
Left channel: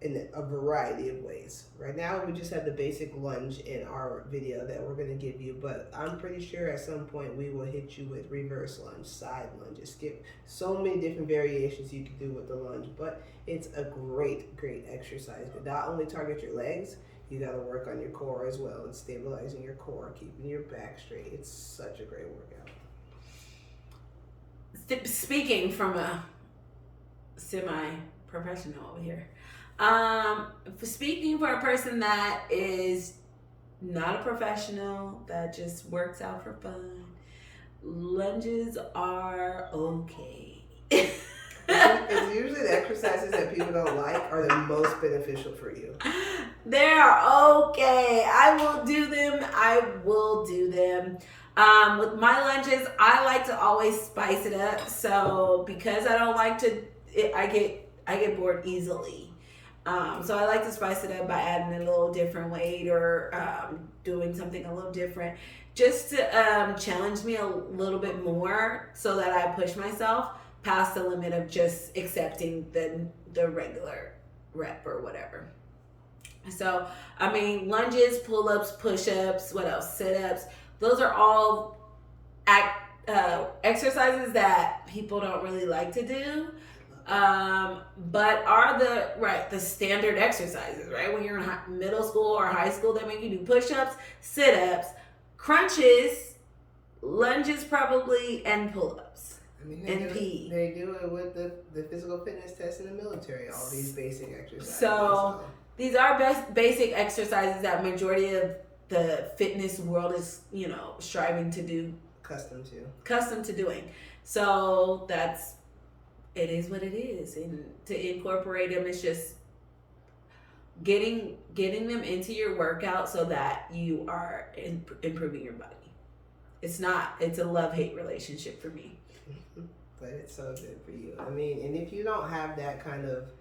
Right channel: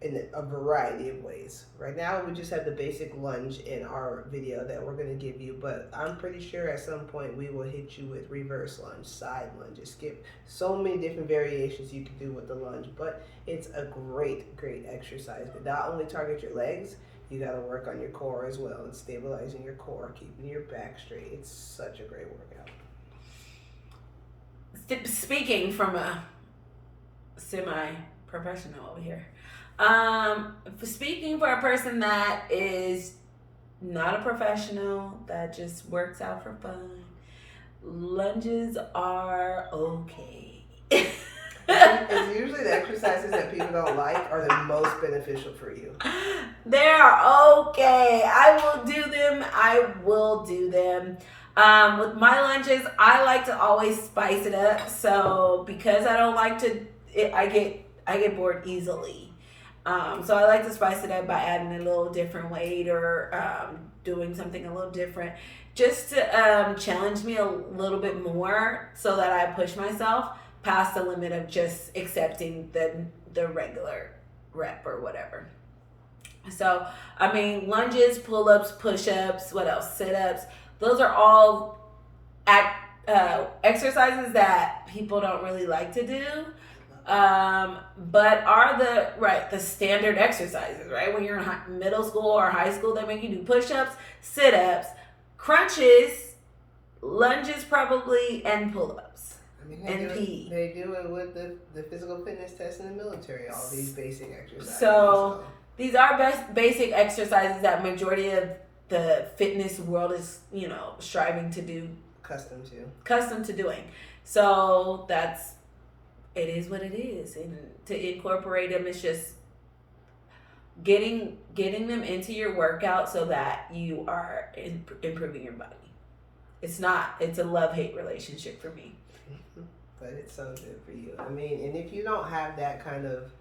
in a variety of ways. Right now, we just have the basic lunge in our video that we're going to give you, but I'm pretty sure at some point we will hit you with reverse lunge, side lunges, skip. So many different variations you can do with the lunge, but it's a great, great exercise. But not only target your legs, you got to work on your core as well and stabilizing your core, keeping your back straight. It's such a great workout. Speaking from a semi-professional over here, speaking for a person that is not a professional, that just works out for fun, lunges are okay. It's usually the exercises that people don't like are the most beneficial for you. They're okay. I will do them. With my lunges, I like to always spice it up. So because I don't like to, I get bored easily. So I like to spice it up by adding a little different weight or doing something a little different, just to challenge me a little bit more, so that I push myself past the limit of just accepting the regular rep or whatever. So, I mean, lunges, pull-ups, push-ups, what else? Sit-ups. Those are all exercises that people don't really like to do. But are the standard exercises, right? When you're in middle school or high school, they make you do push-ups, sit-ups, crunches, lunges probably, and pull-ups. I mean, NP. They do it with the physical fitness test in the military, all these basic exercises. So these are basic exercises that majority of the fitness world is, striving to do. Accustomed to doing. So it is what it is. And to incorporate them, it's just getting them into your workout so that you are improving your body. It's a love-hate relationship for me. But it's so good for you. I mean, and if you don't have that kind of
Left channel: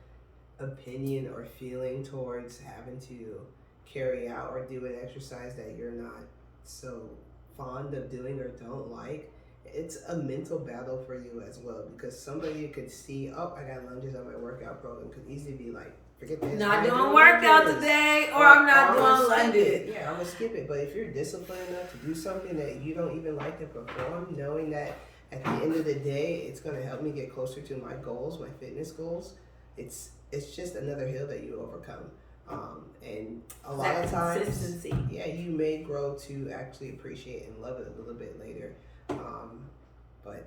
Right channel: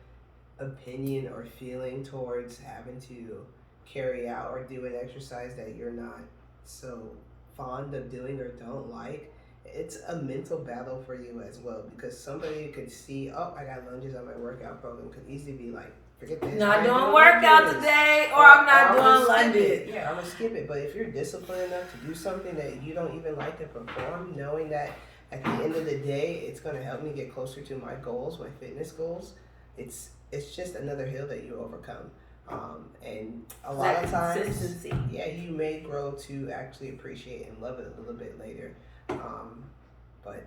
opinion or feeling towards having to carry out or do an exercise that you're not so fond of doing or don't like, it's a mental battle for you as well, because somebody could see, I got lunges on my workout program, could easily be like, forget this. Not doing workout today, or I'm not doing lunges. Yeah, I'm gonna skip it. But if you're disciplined enough to do something that you don't even like to perform, knowing that at the end of the day, it's gonna help me get closer to my goals, my fitness goals, it's just another hill that you overcome. And a lot of times, consistency. Yeah, you may grow to actually appreciate and love it a little bit later. But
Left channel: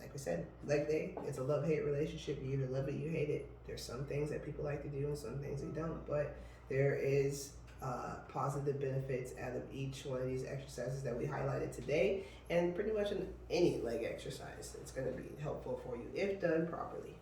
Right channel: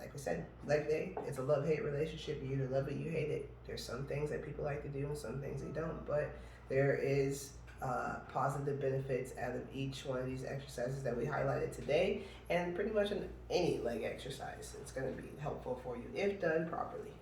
like we said, leg day, it's a love-hate relationship. You either love it, you hate it. There's some things that people like to do and some things they don't. But there is positive benefits out of each one of these exercises that we highlighted today, and pretty much in any leg exercise, it's going to be helpful for you if done properly.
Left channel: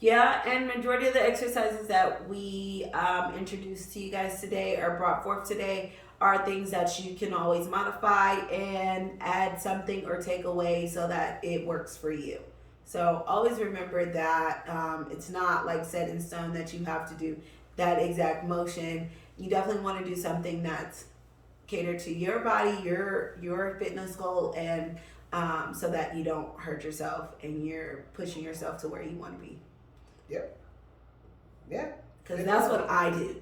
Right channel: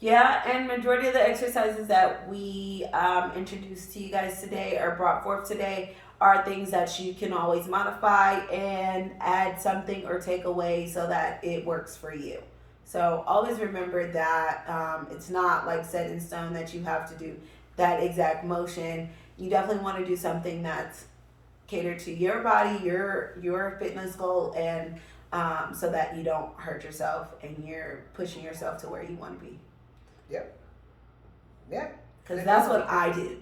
Yeah, and majority of the exercises that we introduced to you guys today or brought forth today are things that you can always modify and add something or take away so that it works for you. So always remember that it's not like set in stone that you have to do that exact motion. You definitely want to do something that's catered to your body, your fitness goal, and so that you don't hurt yourself and you're pushing yourself to where you want to be. Yep. Yeah. Because that's what I do.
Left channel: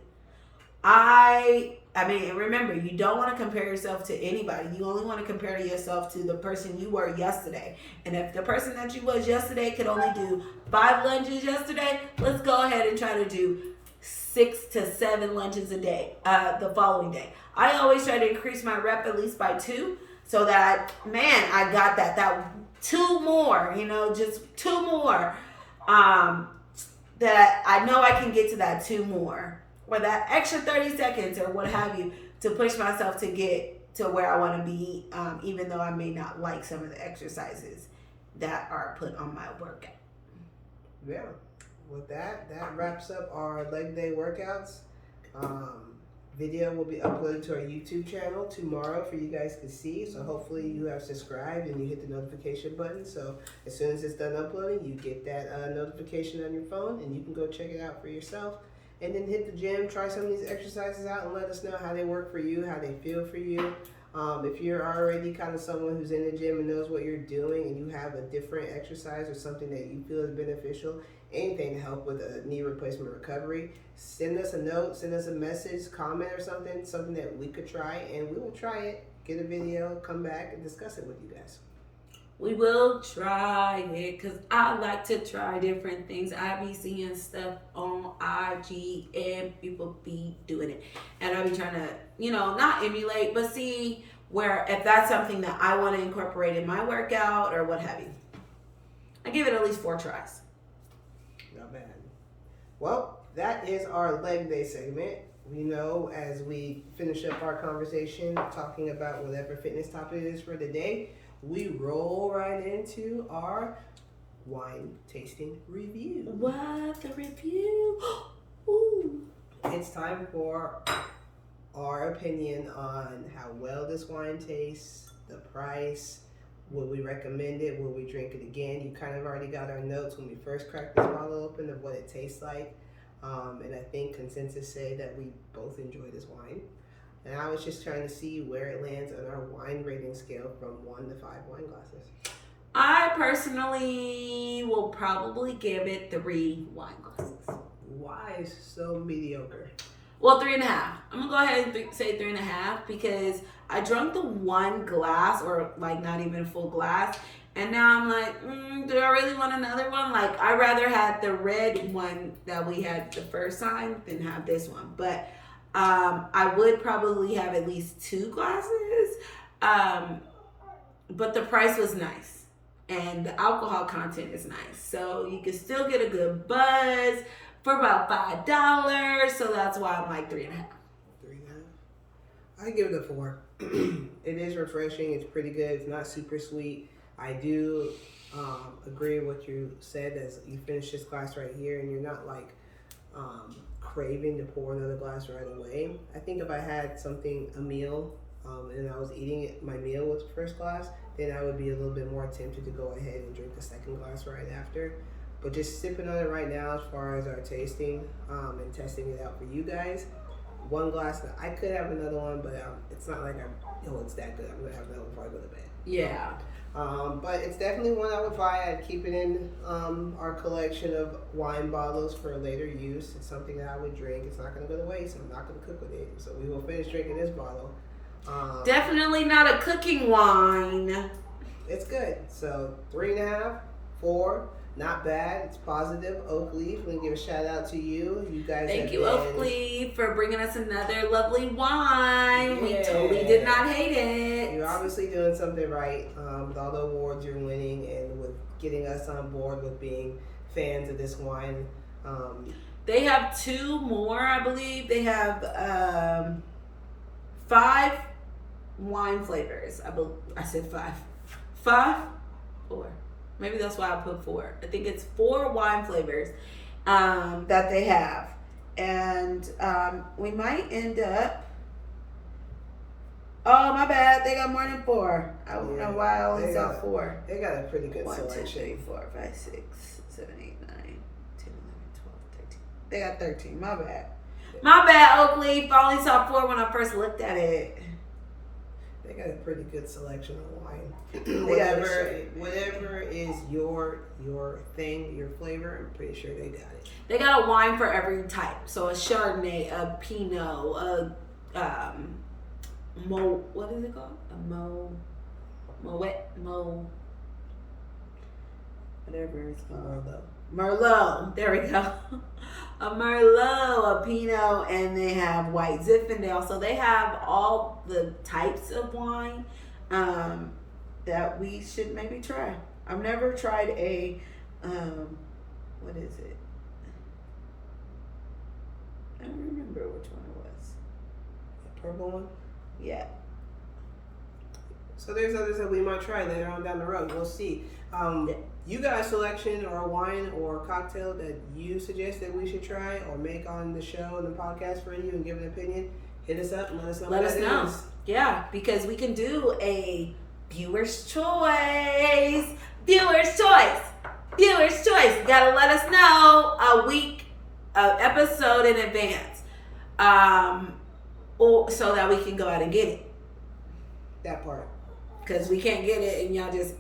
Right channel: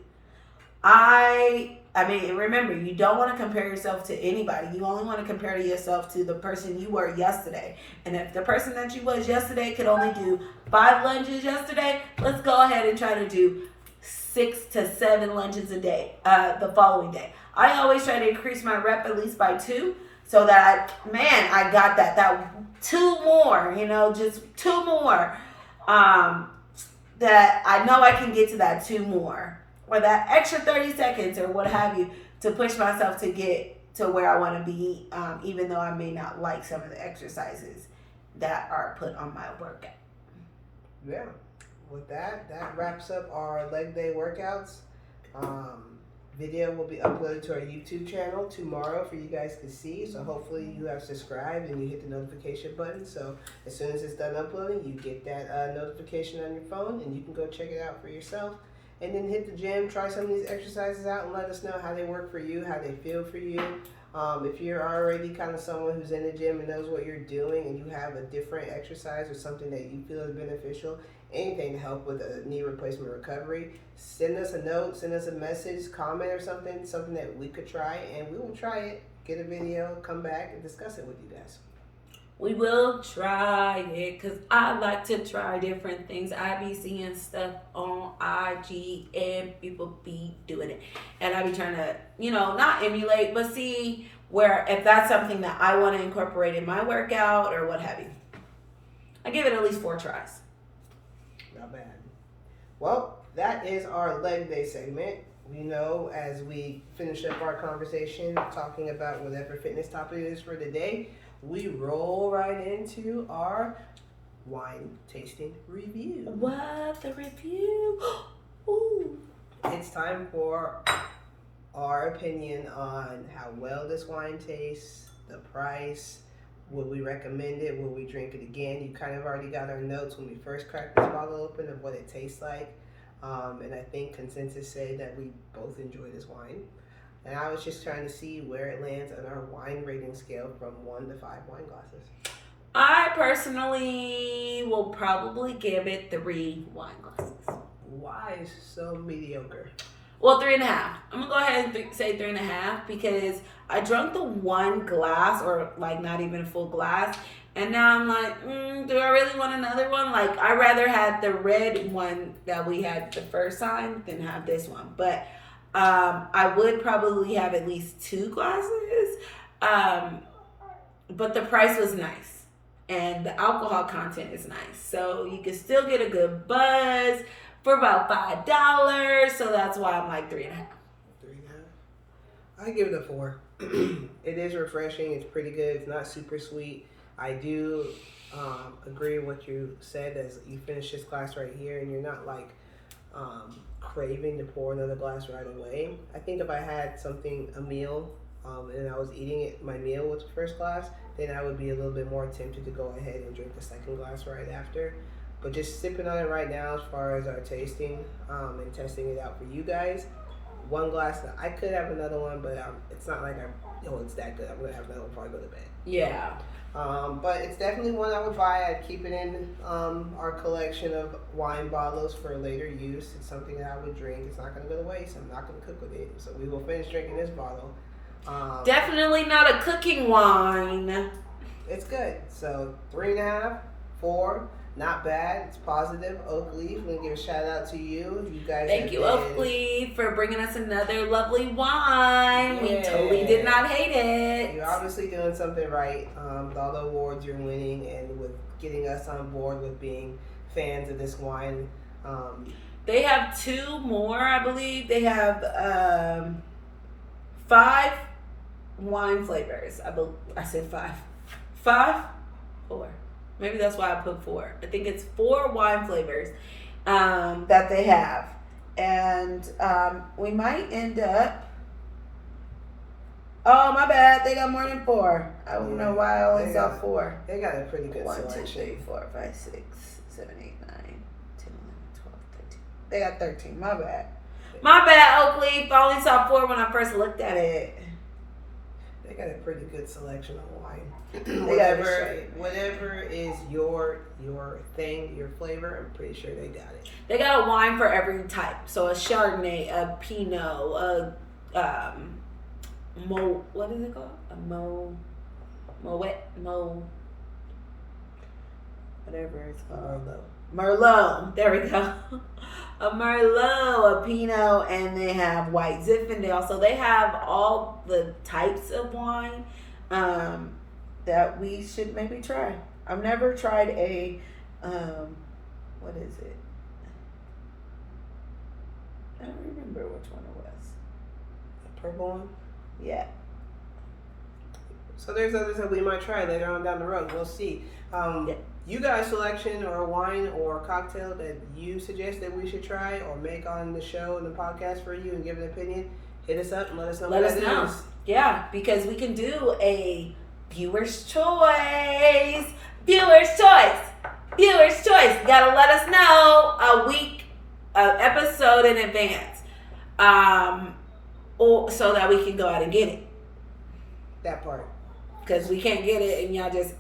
I mean, remember, you don't want to compare yourself to anybody. You only want to compare to yourself to the person you were yesterday. And if the person that you was yesterday could only do 5 lunges yesterday, let's go ahead and try to do 6 to 7 lunges a day the following day. I always try to increase my rep at least by 2 so that I got that 2 more, just 2 more. That I know I can get to that 2 more. Or that extra 30 seconds or what have you to push myself to get to where I want to be, even though I may not like some of the exercises that are put on my workout. Yeah. With that wraps up our leg day workouts. Video will be uploaded to our YouTube channel tomorrow for you guys to see. So hopefully you have subscribed and you hit the notification button. So as soon as it's done uploading, you get that notification on your phone and you can go check it out for yourself. And then hit the gym, try some of these exercises out and let us know how they work for you, how they feel for you. If you're already kind of someone who's in the gym and knows what you're doing and you have a different exercise or something that you feel is beneficial, anything to help with a knee replacement recovery, send us a note, send us a message, comment or something that we could try, and we will try it, get a video, come back and discuss it with you guys. We will try it because I like to try different things. I be seeing stuff on IG and people be doing it. And I be trying to, not emulate, but see where if that's something that I want to incorporate in my workout or what have you. I give it at least 4 tries. Not bad. Well, that is our leg day segment. As we finish up our conversation talking about whatever fitness topic it is for the day, we roll right into our wine tasting review. What? The review? Ooh. It's time for our opinion on how well this wine tastes, the price, would we recommend it, would we drink it again. You kind of already got our notes when we first cracked this bottle open of what it tastes like. And I think consensus said that we both enjoy this wine. And I was just trying to see where it lands on our wine rating scale from 1 to 5 wine glasses. I personally will probably give it 3 wine glasses. Why so mediocre? Well, 3.5. I'm going to go ahead and say 3.5 because I drank the 1 glass or like not even a full glass. And now I'm like, do I really want another one? Like, I rather had the red one that we had the first time than have this one. But I would probably have at least 2 glasses, but the price was nice, and the alcohol content is nice, so you can still get a good buzz for about $5. So that's why I'm like 3.5. 3.5. I give it a 4. It is refreshing. It's pretty good. It's not super sweet. I do agree with what you said as you finish this glass right here, and you're not like craving to pour another glass right away. I think if I had a meal, and I was eating it, my meal with the first glass, then I would be a little bit more tempted to go ahead and drink the second glass right after. But just sipping on it right now as far as our tasting and testing it out for you guys, 1 glass, I could have another one, but it's not like it's that good. I'm going to have another one before I go to bed. Yeah. But it's definitely one I would buy. I'd keep it in our collection of wine bottles for later use. It's something that I would drink. It's not going to go to waste. I'm not going to cook with it. So we will finish drinking this bottle. Definitely not a cooking wine. It's good. So 3.5, 4. Not bad. It's positive. Oak Leaf, I'm going to give a shout out to you. You guys Thank you, Oak Leaf, for bringing us another lovely wine. Yeah. We totally did not hate it. You're obviously doing something right with all the awards you're winning and with getting us on board with being fans of this wine. They have 2 more, I believe. They have 5 wine flavors. I said 5. 5? 4. Maybe that's why I put 4. I think it's 4 wine flavors that they have. And we might end up Oh, my bad. They got more than 4. I don't Yeah, know why I only they saw got- 4. They got a pretty good 1, 2, selection. 3, 4, 5, 6, 7, 8, 9, 10, 11, 12, 13. They got 13. My bad. My bad, Oakleaf. I only saw 4 when I first looked at it. They got a pretty good selection of wine. They got it straight, man. Whatever is your thing, your flavor, I'm pretty sure they got it. They got a wine for every type. So a Chardonnay, a Pinot, a what is it called? A whatever it's called. Merlot. There we go. A Merlot, a Pinot, and they have white Zinfandel. So they have all the types of wine that we should maybe try. I've never tried a what is it? I don't remember which one it was. The purple one? Yeah. So there's others that we might try later on down the road. We'll see. You got a selection or a wine or a cocktail that you suggest that we should try or make on the show and the podcast for you and give an opinion? Hit us up and let us know. Let us know. Yeah, because we can do a viewer's choice. Viewer's choice. Viewer's choice. Gotta let us know a week, episode in advance, so that we can go out and get it. That part. Because we can't get it and y'all just,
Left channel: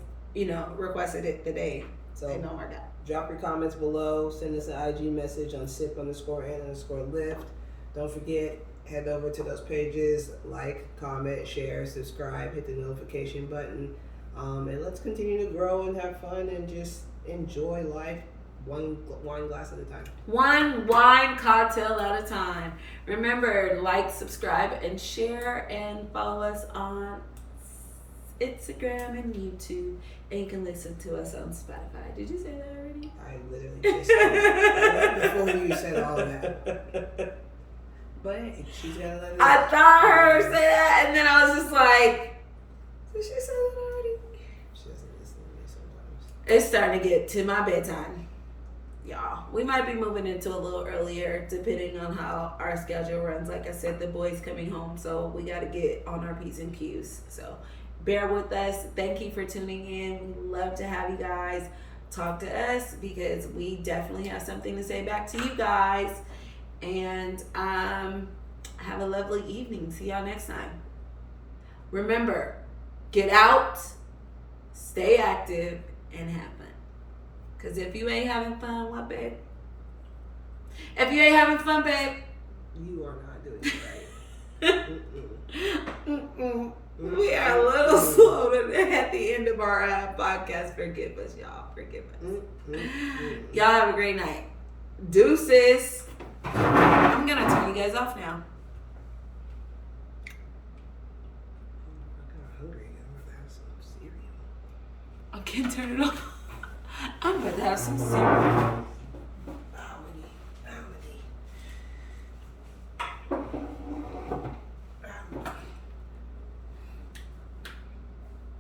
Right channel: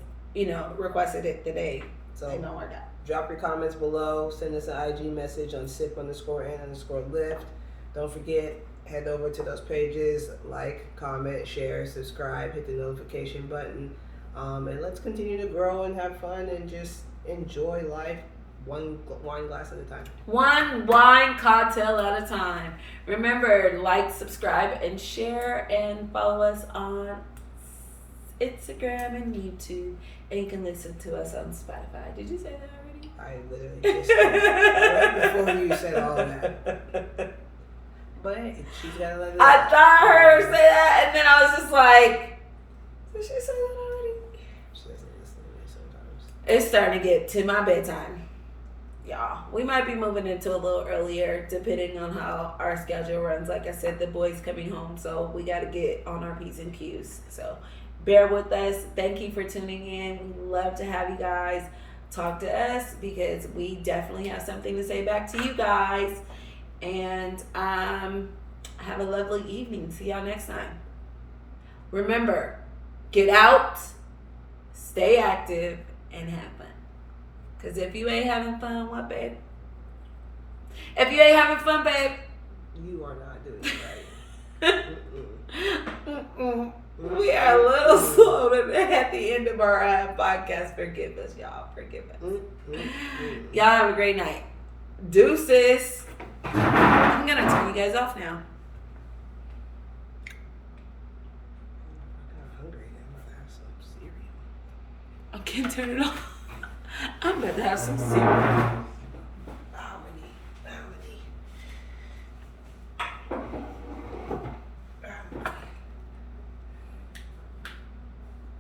requested it today. So it don't work out. Drop your comments below. Send us an IG message on sip_and_lift. Don't forget, head over to those pages, like, comment, share, subscribe, hit the notification button. And let's continue to grow and have fun and just enjoy life one wine glass at a time. One wine cocktail at a time. Remember, like, subscribe, and share, and follow us on Instagram and YouTube. And you can listen to us on Spotify. Did you say that already? I literally just said that right before you said all that. But she's got to let it I out. thought I heard her say that, and then I was just like, did she say that already? She doesn't listen to me sometimes. It's starting to get to my bedtime. Y'all, we might be moving into a little earlier depending on how our schedule runs. Like I said, the boys coming home, so we got to get on our P's and Q's. So bear with us. Thank you for tuning in. We love to have you guys talk to us because we definitely have something to say back to you guys. And have a lovely evening. See y'all next time. Remember, get out, stay active, and have fun. Because if you ain't having fun, what, babe? If you ain't having fun, babe, You are not doing it right. we are a little slow at the end of our podcast. Forgive us, y'all. Forgive us. Y'all have a great night. Deuces. I'm going to turn you guys off now. I'm hungry. I'm about to have some cereal. I can't turn it off. I'm about to have some cereal.